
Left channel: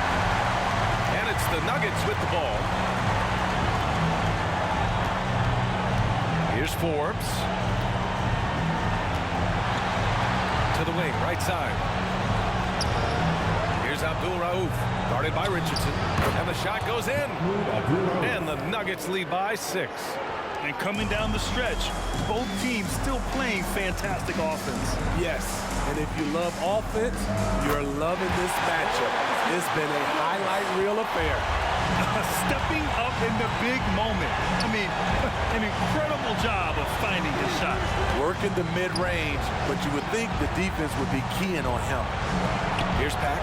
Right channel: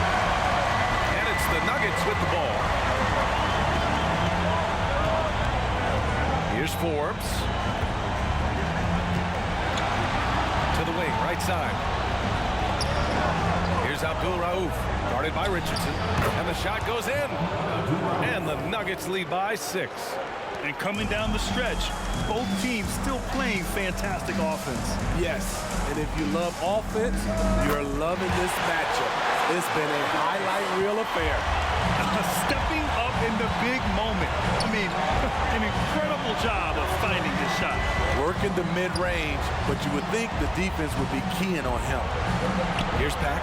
And it's the Nuggets with the ball. Here's Forbes. To the wing, right side. Here's Abdul Rauf, guarded by Richardson. And the shot goes in. And the Nuggets lead by 6. And coming down the stretch, both teams still playing fantastic offense. Yes, and if you love offense, you're loving this matchup. It's been a highlight reel affair. Stepping up in the big moment. I mean, an incredible job of finding his shot. Working the mid-range, but you would think the defense would be keying on him. Here's Pack.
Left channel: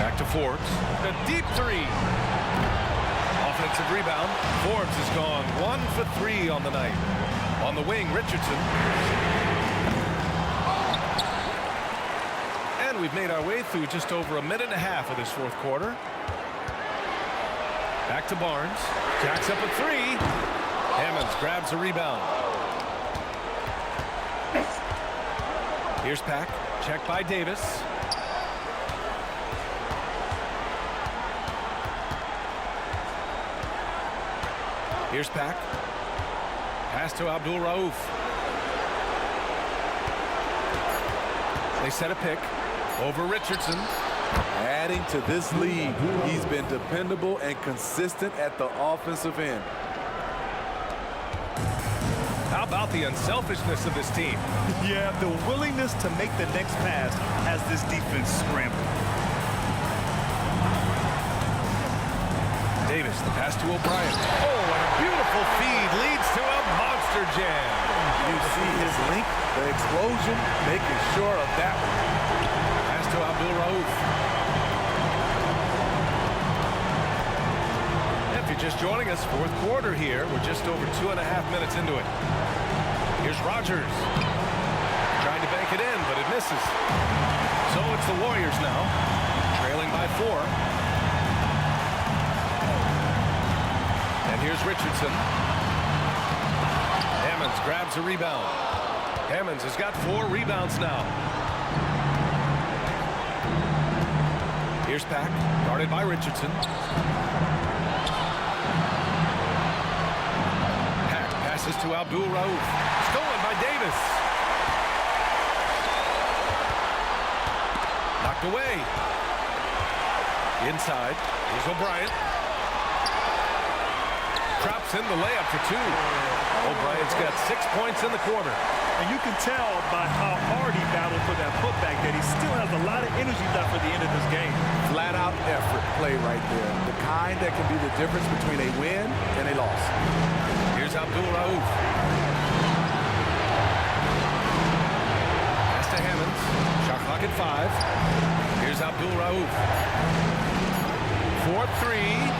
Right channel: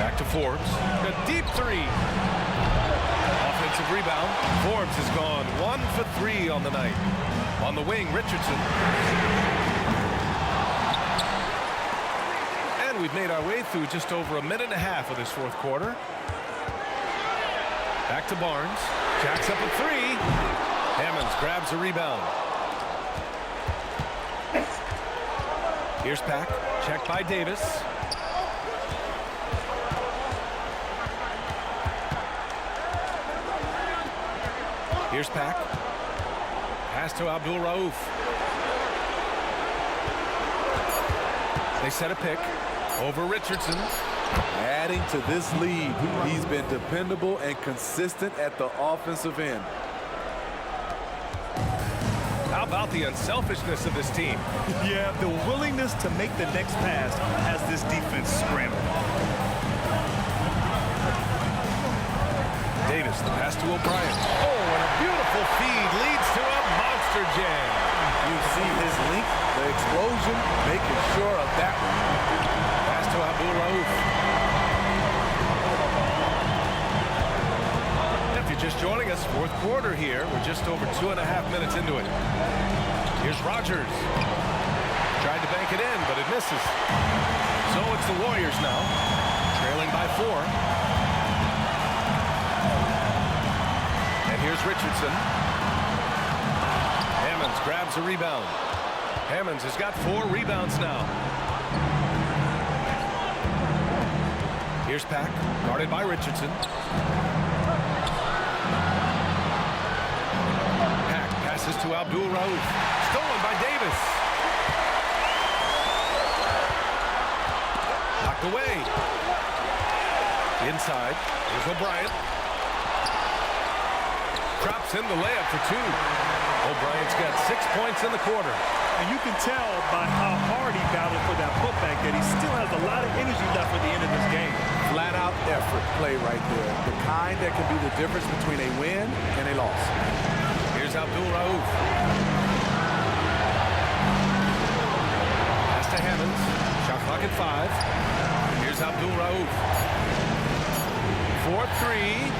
Back to Forbes. The deep 3. Offensive rebound. Forbes has gone 1 for 3 on the night. On the wing, Richardson. And we've made our way through just over 1.5 minutes of this fourth quarter. Back to Barnes. Jacks up a 3. Hammonds grabs a rebound. Here's Pack. Checked by Davis. Here's Pack. Pass to Abdul Rauf. They set a pick over Richardson. Adding to this lead, he's been dependable and consistent at the offensive end. How about the unselfishness of this team? Yeah, the willingness to make the next pass has this defense scrambling. Davis, the pass to O'Brien. Oh, and a beautiful feed leads to a monster jam. You see his length, the explosion, making sure of that one. Pass to Abdul Rauf. If you're just joining us, fourth quarter here. We're just over 2.5 minutes into it. Here's Rogers. Tried to bank it in, but it misses. So it's the Warriors now, trailing by 4. And here's Richardson. Hammonds grabs a rebound. Hammonds has got 4 rebounds now. Here's Pack, guarded by Richardson. Pack passes to Abdul Rauf. Stolen by Davis. Knocked away. Inside. Here's O'Brien. Drops in the layup for 2. O'Brien's got 6 points in the quarter. And you can tell by how hard he battled for that putback that he still has a lot of energy left for the end of this game. Flat out effort play right there. The kind that can be the difference between a win and a loss. Here's Abdul Rauf. Pass to Hammonds. Shot clock at 5. Here's Abdul Rauf. 4-3.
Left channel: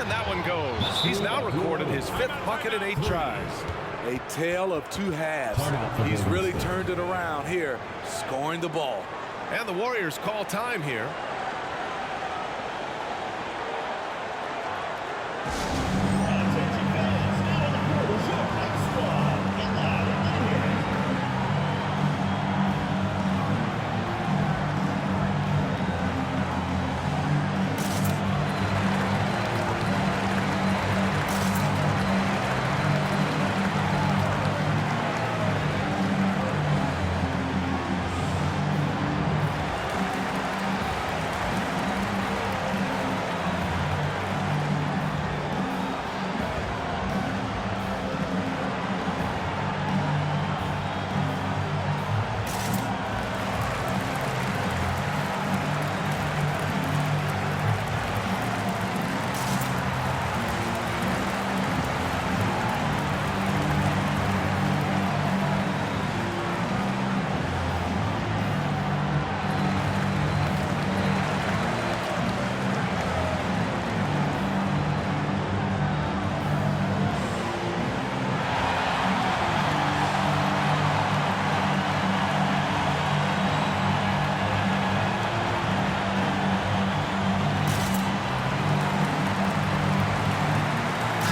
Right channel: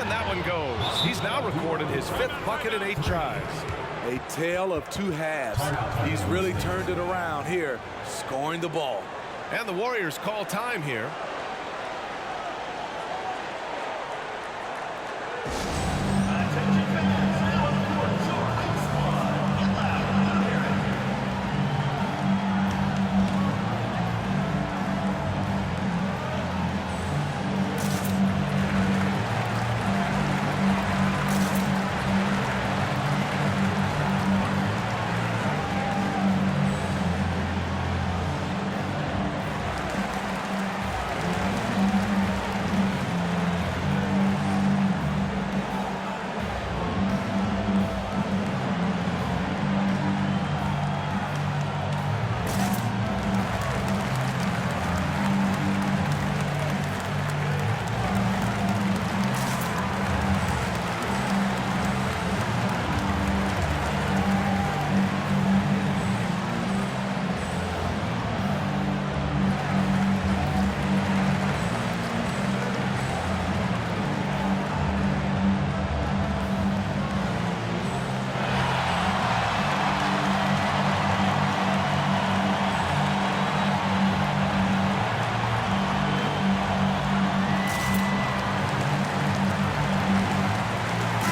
And that one goes. He's now recorded his 5th bucket in 8 tries. A tale of two halves. He's really turned it around here, scoring the ball. And the Warriors call time here.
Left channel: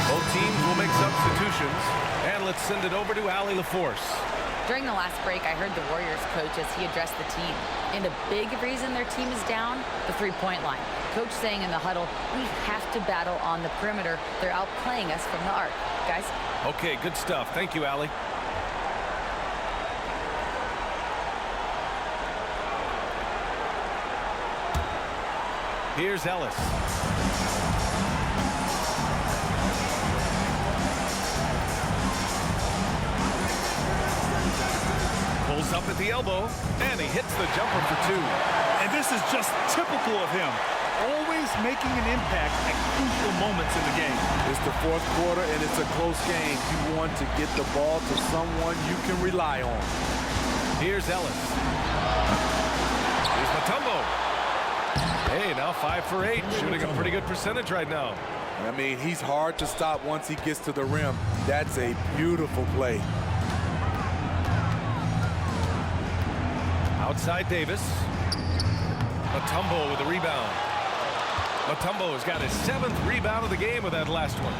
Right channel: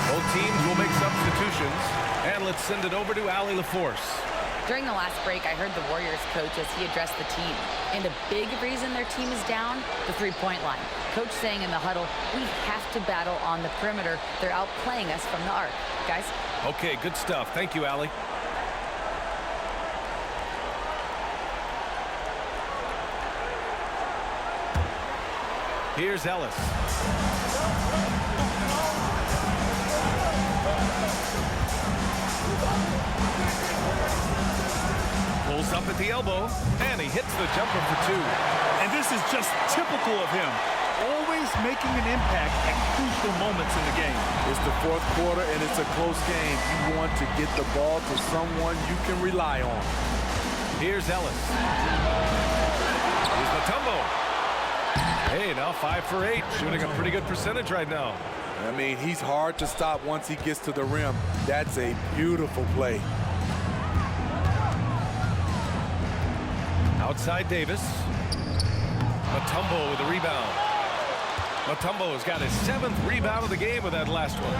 Both teams will make substitutions, and let's send it over to Allie LaForce. During the last break, I heard the Warriors coach as he addressed the team. And a big reason their team is down, the three-point line. Coach saying in the huddle, we have to battle on the perimeter. They're outplaying us from the arc. Guys? Okay, good stuff. Thank you, Allie. Here's Ellis. Pulls up at the elbow, and he hits the jumper for two. And this is just typical of him. Always making an impact at crucial moments in the game. It's the fourth quarter, and it's a close game. You want to get the ball to someone you can rely on. Here's Ellis. Here's Mutombo. Hey, now 5 for 8, shooting a pretty good percentage right now. I mean, he's hard to stop once he gets to the rim. That's a beautiful play. Outside Davis. Mutombo with the rebound. Mutombo has got his 7th rebound of the game with that last one.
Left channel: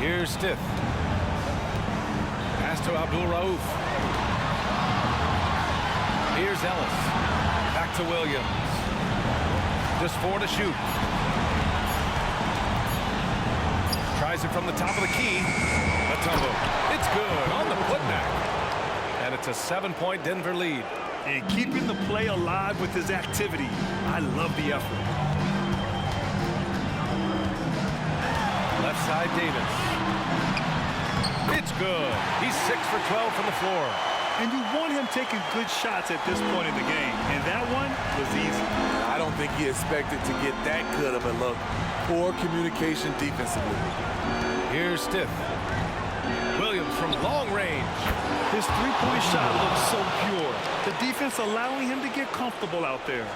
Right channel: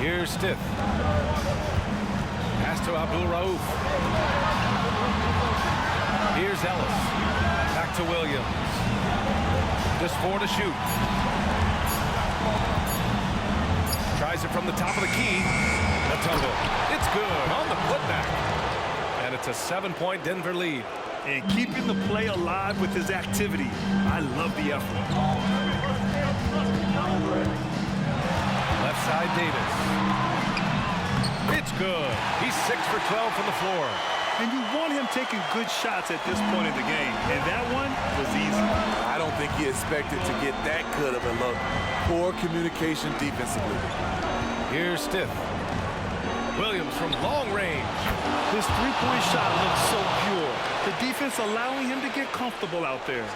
Here's Stith. Pass to Abdul Rauf. Here's Ellis. Back to Williams. Just 4 to shoot. Tries it from the top of the key. Mutombo. It's good on the putback. And it's a 7-point Denver lead. And keeping the play alive with his activity. I love the effort. Left side Davis. It's good. He's 6 for 12 from the floor. And you want him taking good shots at this point in the game. And that one was easy. I don't think he expected to get that good of a look. Poor communication defensively. Here's Stith. Williams from long range. His three-point shot looks so pure. The defense allowing him to get comfortable out there.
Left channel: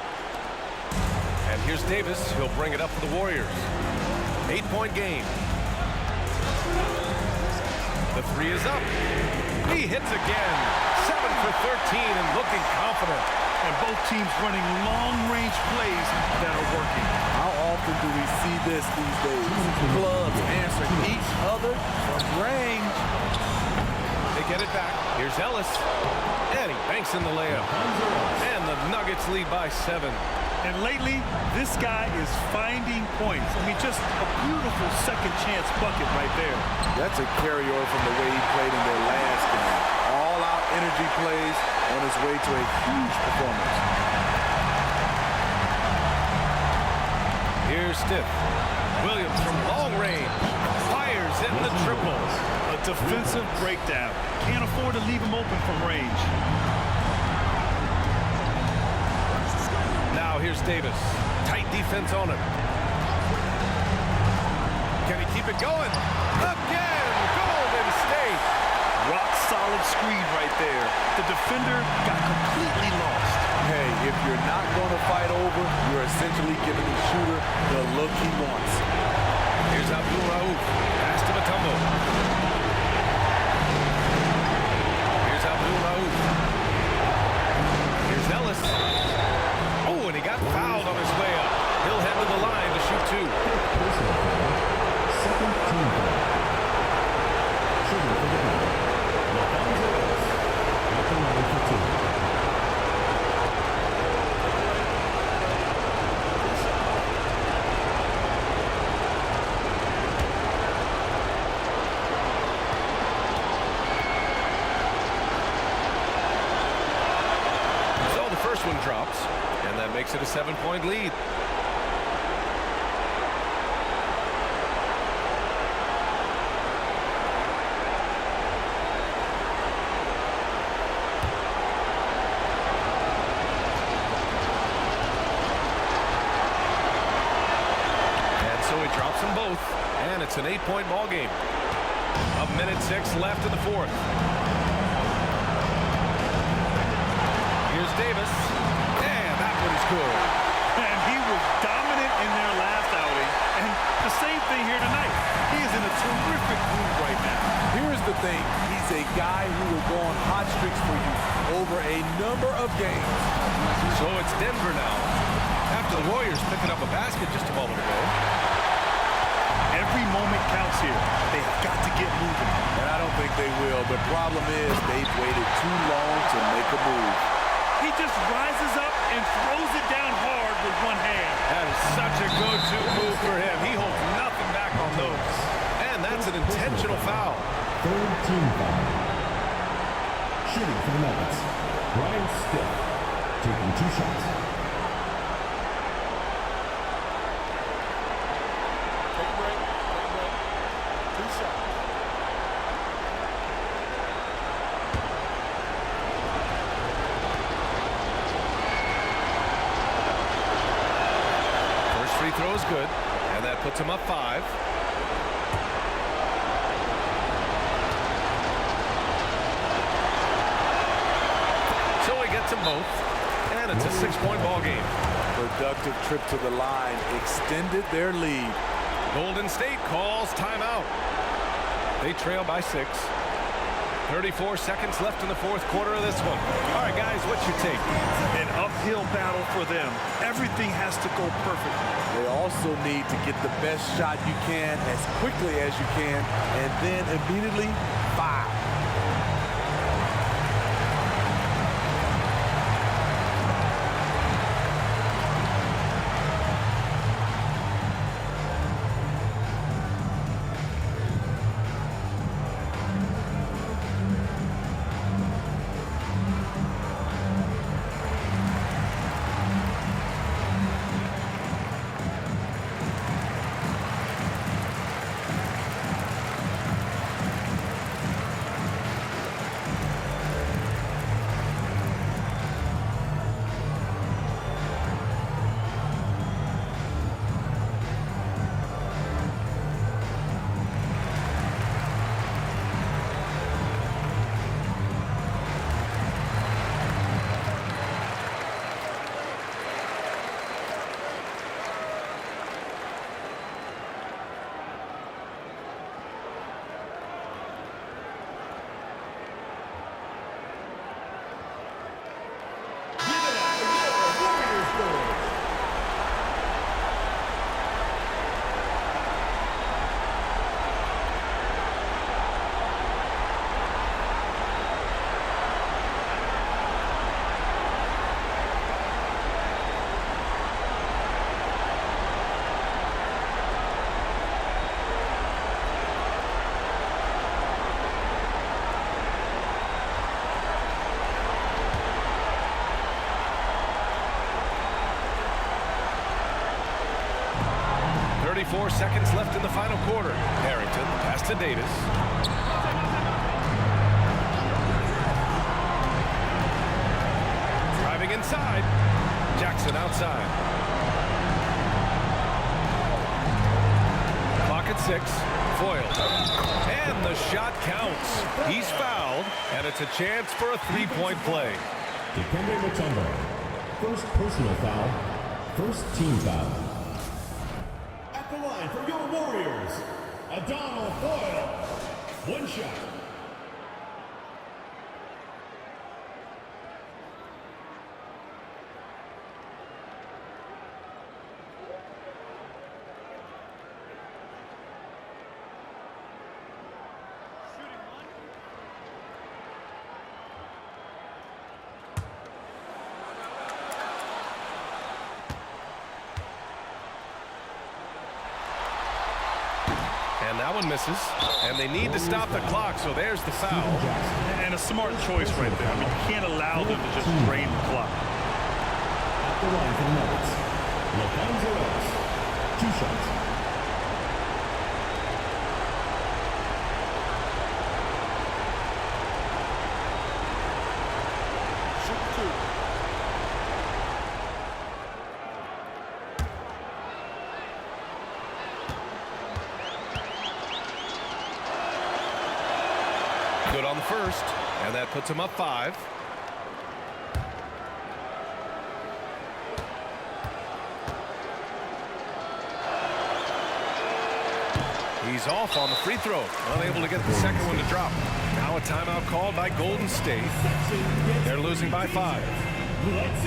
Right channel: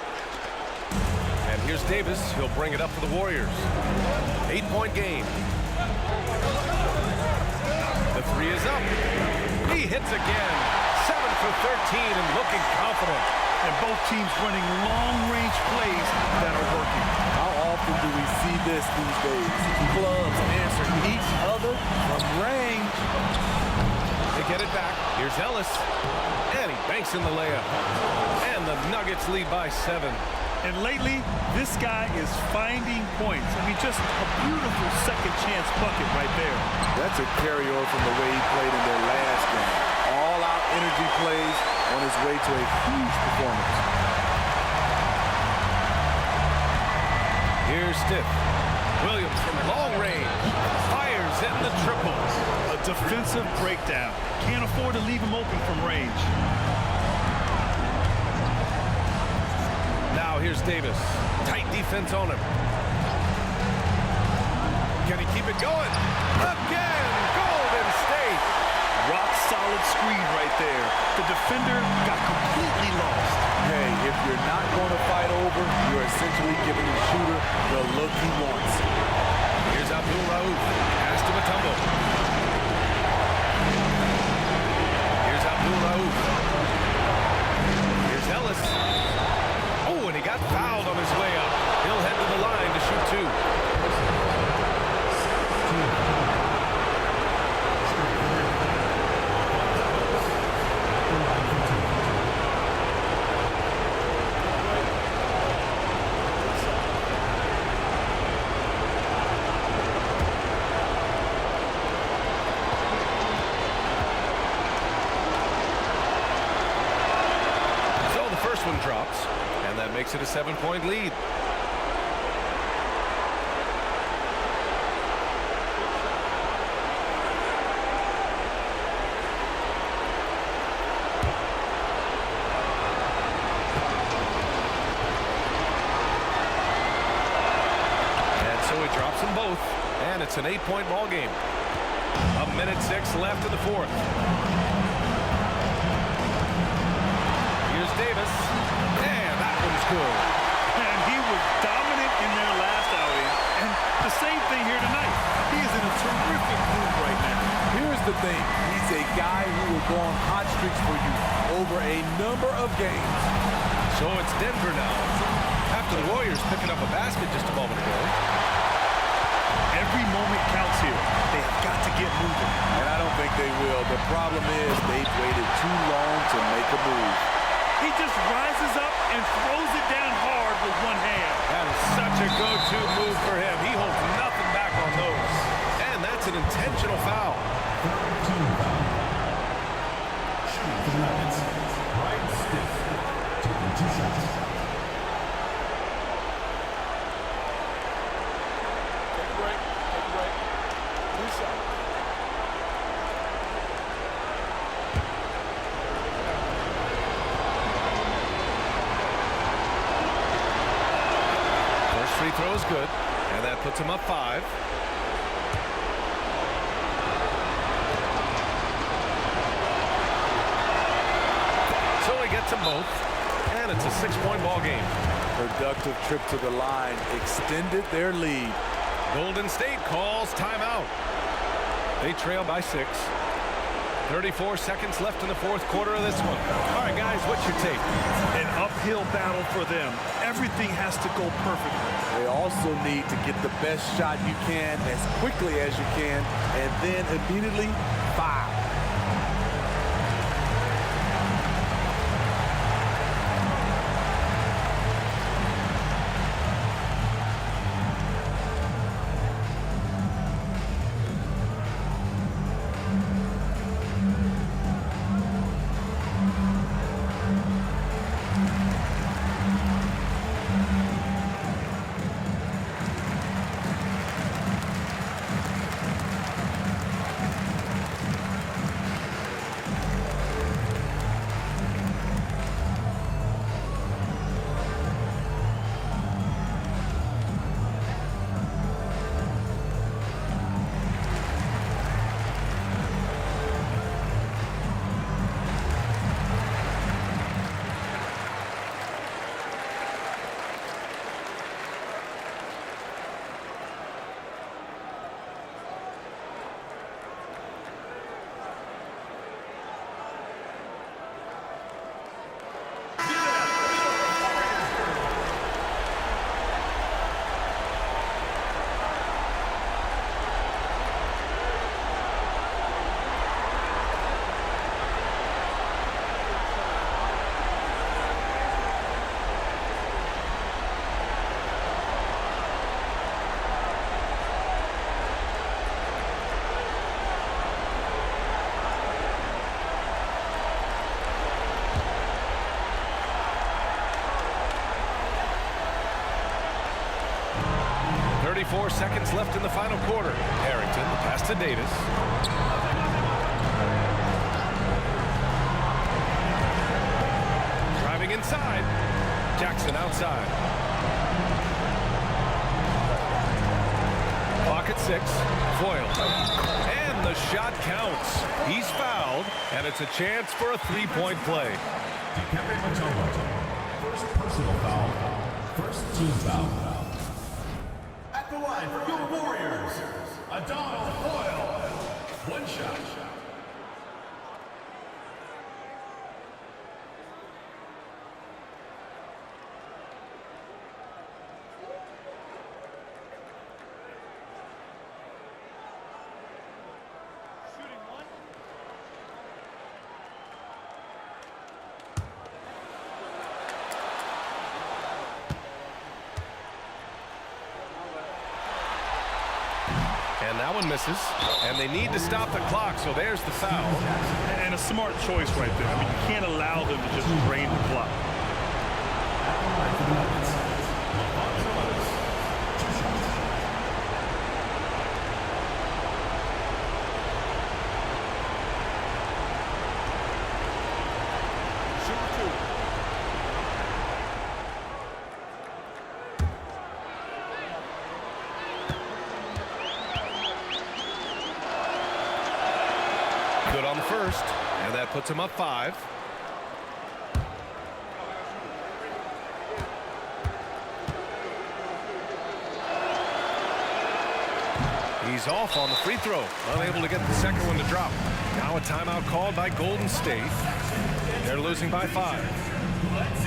And here's Davis. He'll bring it up for the Warriors. 8-point game. The three is up. He hits again. 7 for 13 and looking confident. And both teams running long-range plays that are working. How often do we see this these days? Clubs answering each other from range. They get it back. Here's Ellis. And he banks in the layup. And the Nuggets lead by 7. And lately, this guy is finding points. I mean, just a beautiful second chance bucket right there. That's a carryover from the way he played in their last game. All-out energy plays on his way to a huge performance. Here's Stith. Williams from long range. Fires in the triple. A defensive breakdown. Can't afford to leave him open from range. Now here's Davis. Tight defense on him. Can he keep it going? Again, Golden State. Rock solid screen right there. The defender got completely lost. Hey, if you're not going to fight over, you're essentially giving the shooter the look he wants. Here's Here's Abdul Rauf. Pass to Mutombo. Here's Abdul Rauf. Here's Ellis. Oh, and he got fouled on his way up. He'll head to the line to shoot 2. Personal foul. Second team foul. Shooting for the line. Alfonso Ellis at the line for 2. So the first one drops, and that makes it a 7-point lead. And so he drops them both, and it's an 8-point ball game. 1:06 left in the fourth. Here's Davis, and that one's good. And he was dominant in their last outing, and the same thing here tonight. He is in a terrific mood right now. Here's the thing. He's a guy who will go on hot streaks for you over a number of games. So it's Denver now, after the Warriors picking up a basket just a moment ago. Every moment counts here. They have got to get moving. And I don't think they will. The problem is they've waited too long to make a move. He just rises up and throws it down hard with one hand. That is such a go-to move for him. He holds nothing back on those. And that's an intentional foul. Third team foul. Shooting for the Nuggets. Brian Stiff taking 2 shots. Take a break. Take a break. 2 shots. First free throw is good, and that puts him up 5. So he gets them both, and it's a 6-point ball game. Productive trip to the line extended their lead. Golden State calls timeout. They trail by 6. 34 seconds left in the fourth quarter of this one. All right, guys, what's your take? An uphill battle for them. Everything has to go perfectly. They also need to get the best shot you can as quickly as you can, and then immediately foul. .34 seconds left in the final quarter. Harrington, the pass to Davis. Driving inside. Jackson outside. Clock at 6. Foiled. And the shot counts. He's fouled, and it's a chance for a 3-point play. Dikembe Mutombo. First personal foul. First team foul. At the line for your Warriors, Adonal Foyle. One shot. And that one misses. And they need to stop the clock, so there's the foul. And a smart choice right there. I mean, you can't allow them to just drain the clock. At the line for the Nuggets, LaFonso Ellis. 2 shots. Shoot 2. Good on the first, and that puts him up 5. He's off on the free throw, unable to get the second one to drop. Now a timeout called by Golden State. They're losing by 5.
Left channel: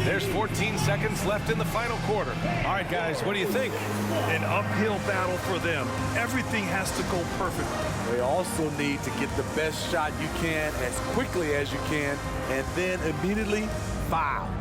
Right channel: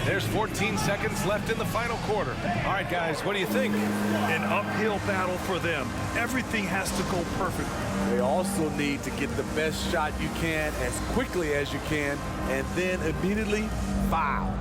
There's 14 seconds left in the final quarter. All right, guys, what do you think? An uphill battle for them. Everything has to go perfectly. They also need to get the best shot you can as quickly as you can and then immediately foul.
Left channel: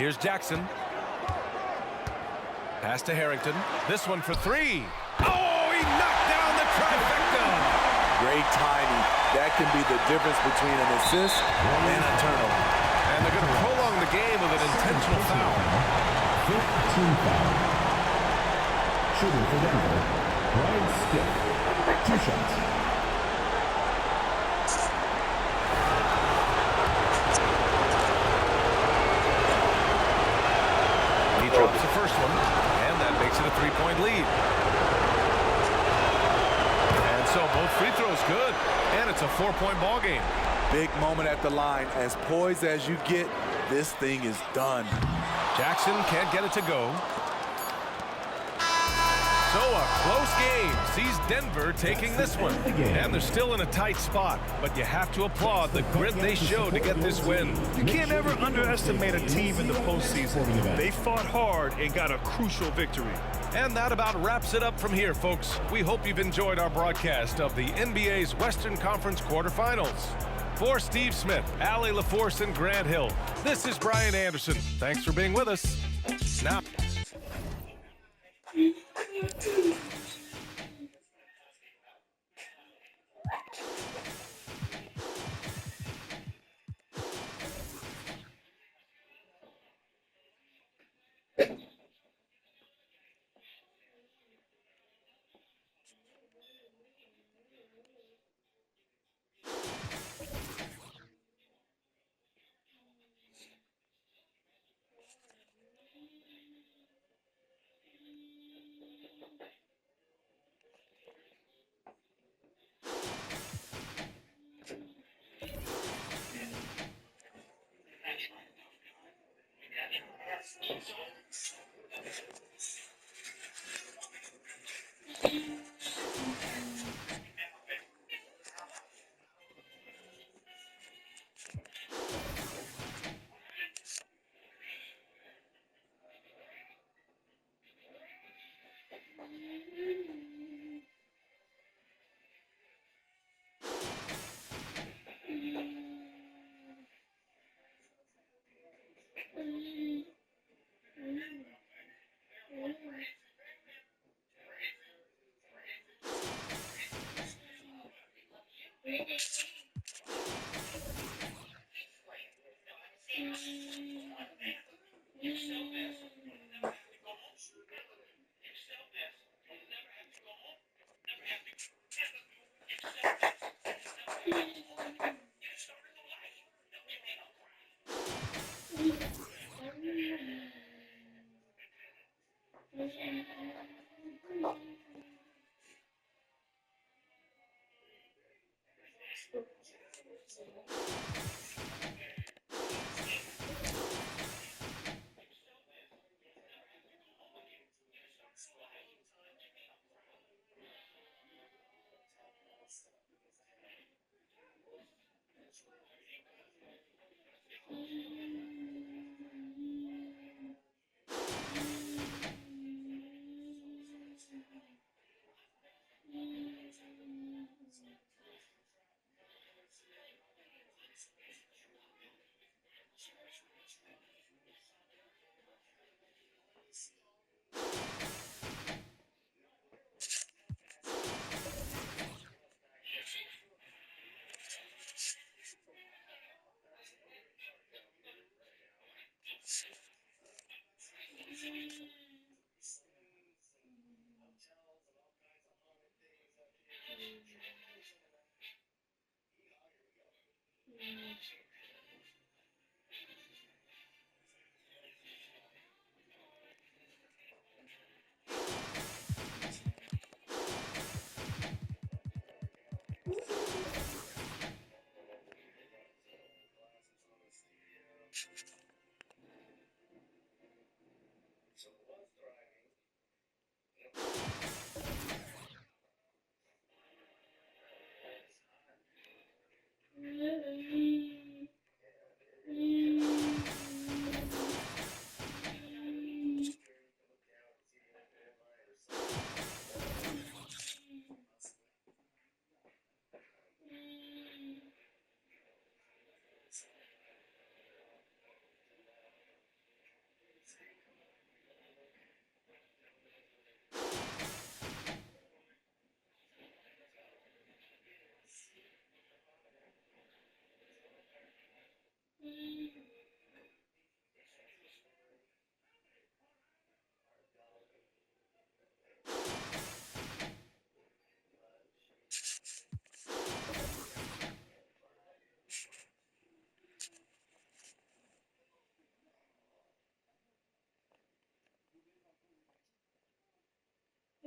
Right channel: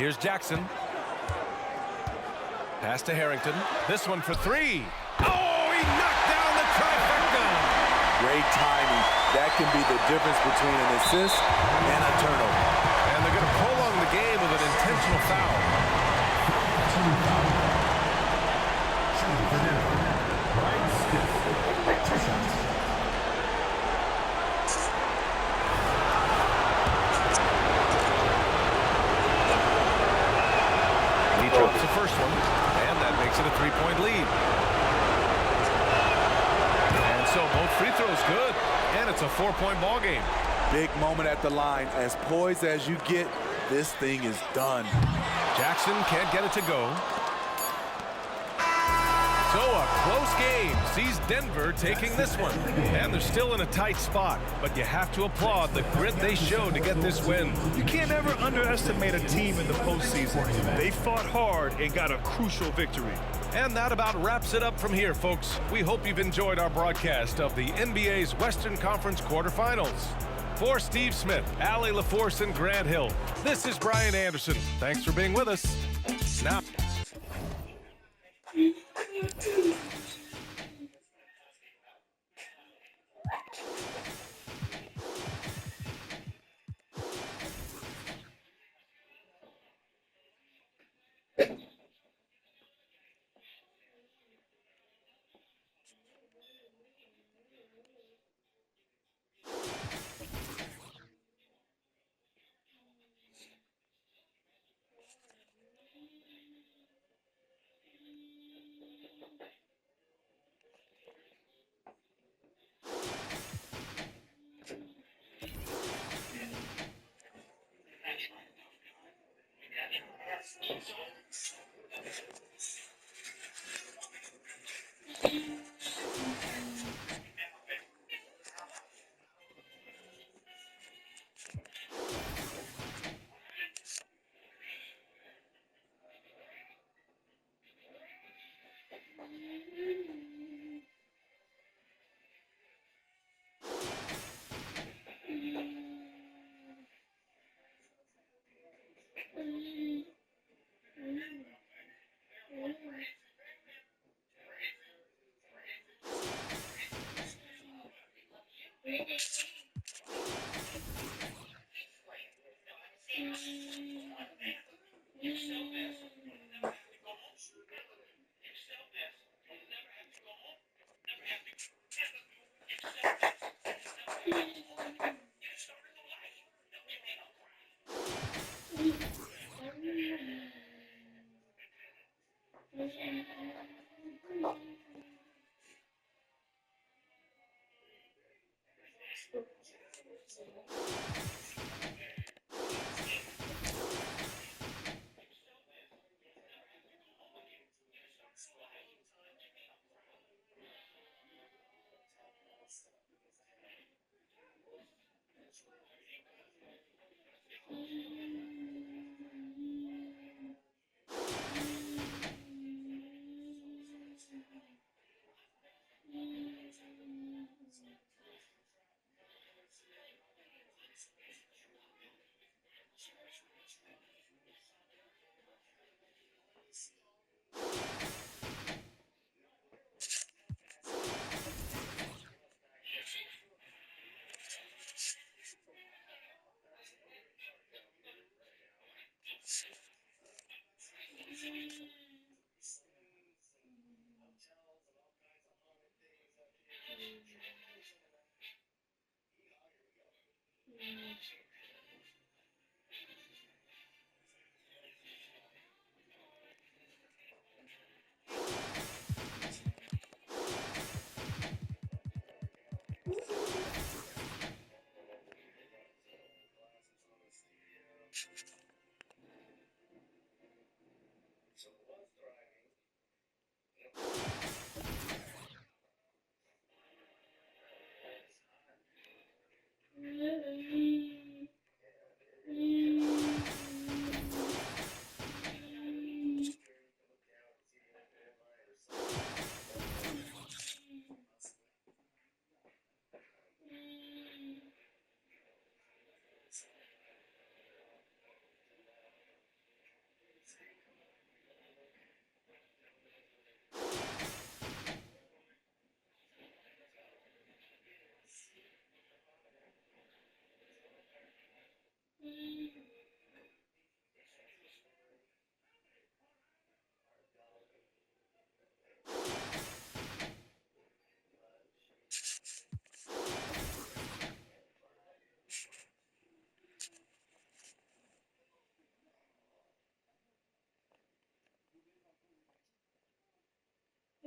Here's Jackson. Pass to Harrington. This one for 3. Oh, he knocked down the trifecta. Great timing. That can be the difference between an assist and a turnover. And they're going to prolong the game with an intentional foul. 15 foul. Shooting for Denver, Brian Stiff. 2 shots. He drops the first one, and that makes it a 3-point lead. And so both free throws good, and it's a 4-point ball game. Big moment at the line. As poised as you get, this thing is done. Jackson can't get it to go. So a close game sees Denver taking this one. And they're still in a tight spot, but you have to applaud the grit they showed to get this win. You can't ever underestimate a team in the postseason. They fought hard and got a crucial victory. And that about wraps it up from here, folks. We hope you've enjoyed our broadcast of the NBA's Western Conference quarterfinals. For Steve Smith, Allie LaForce, and Grant Hill, this is Brian Anderson. Thanks for being with us. Now.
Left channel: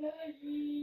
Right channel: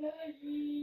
Good.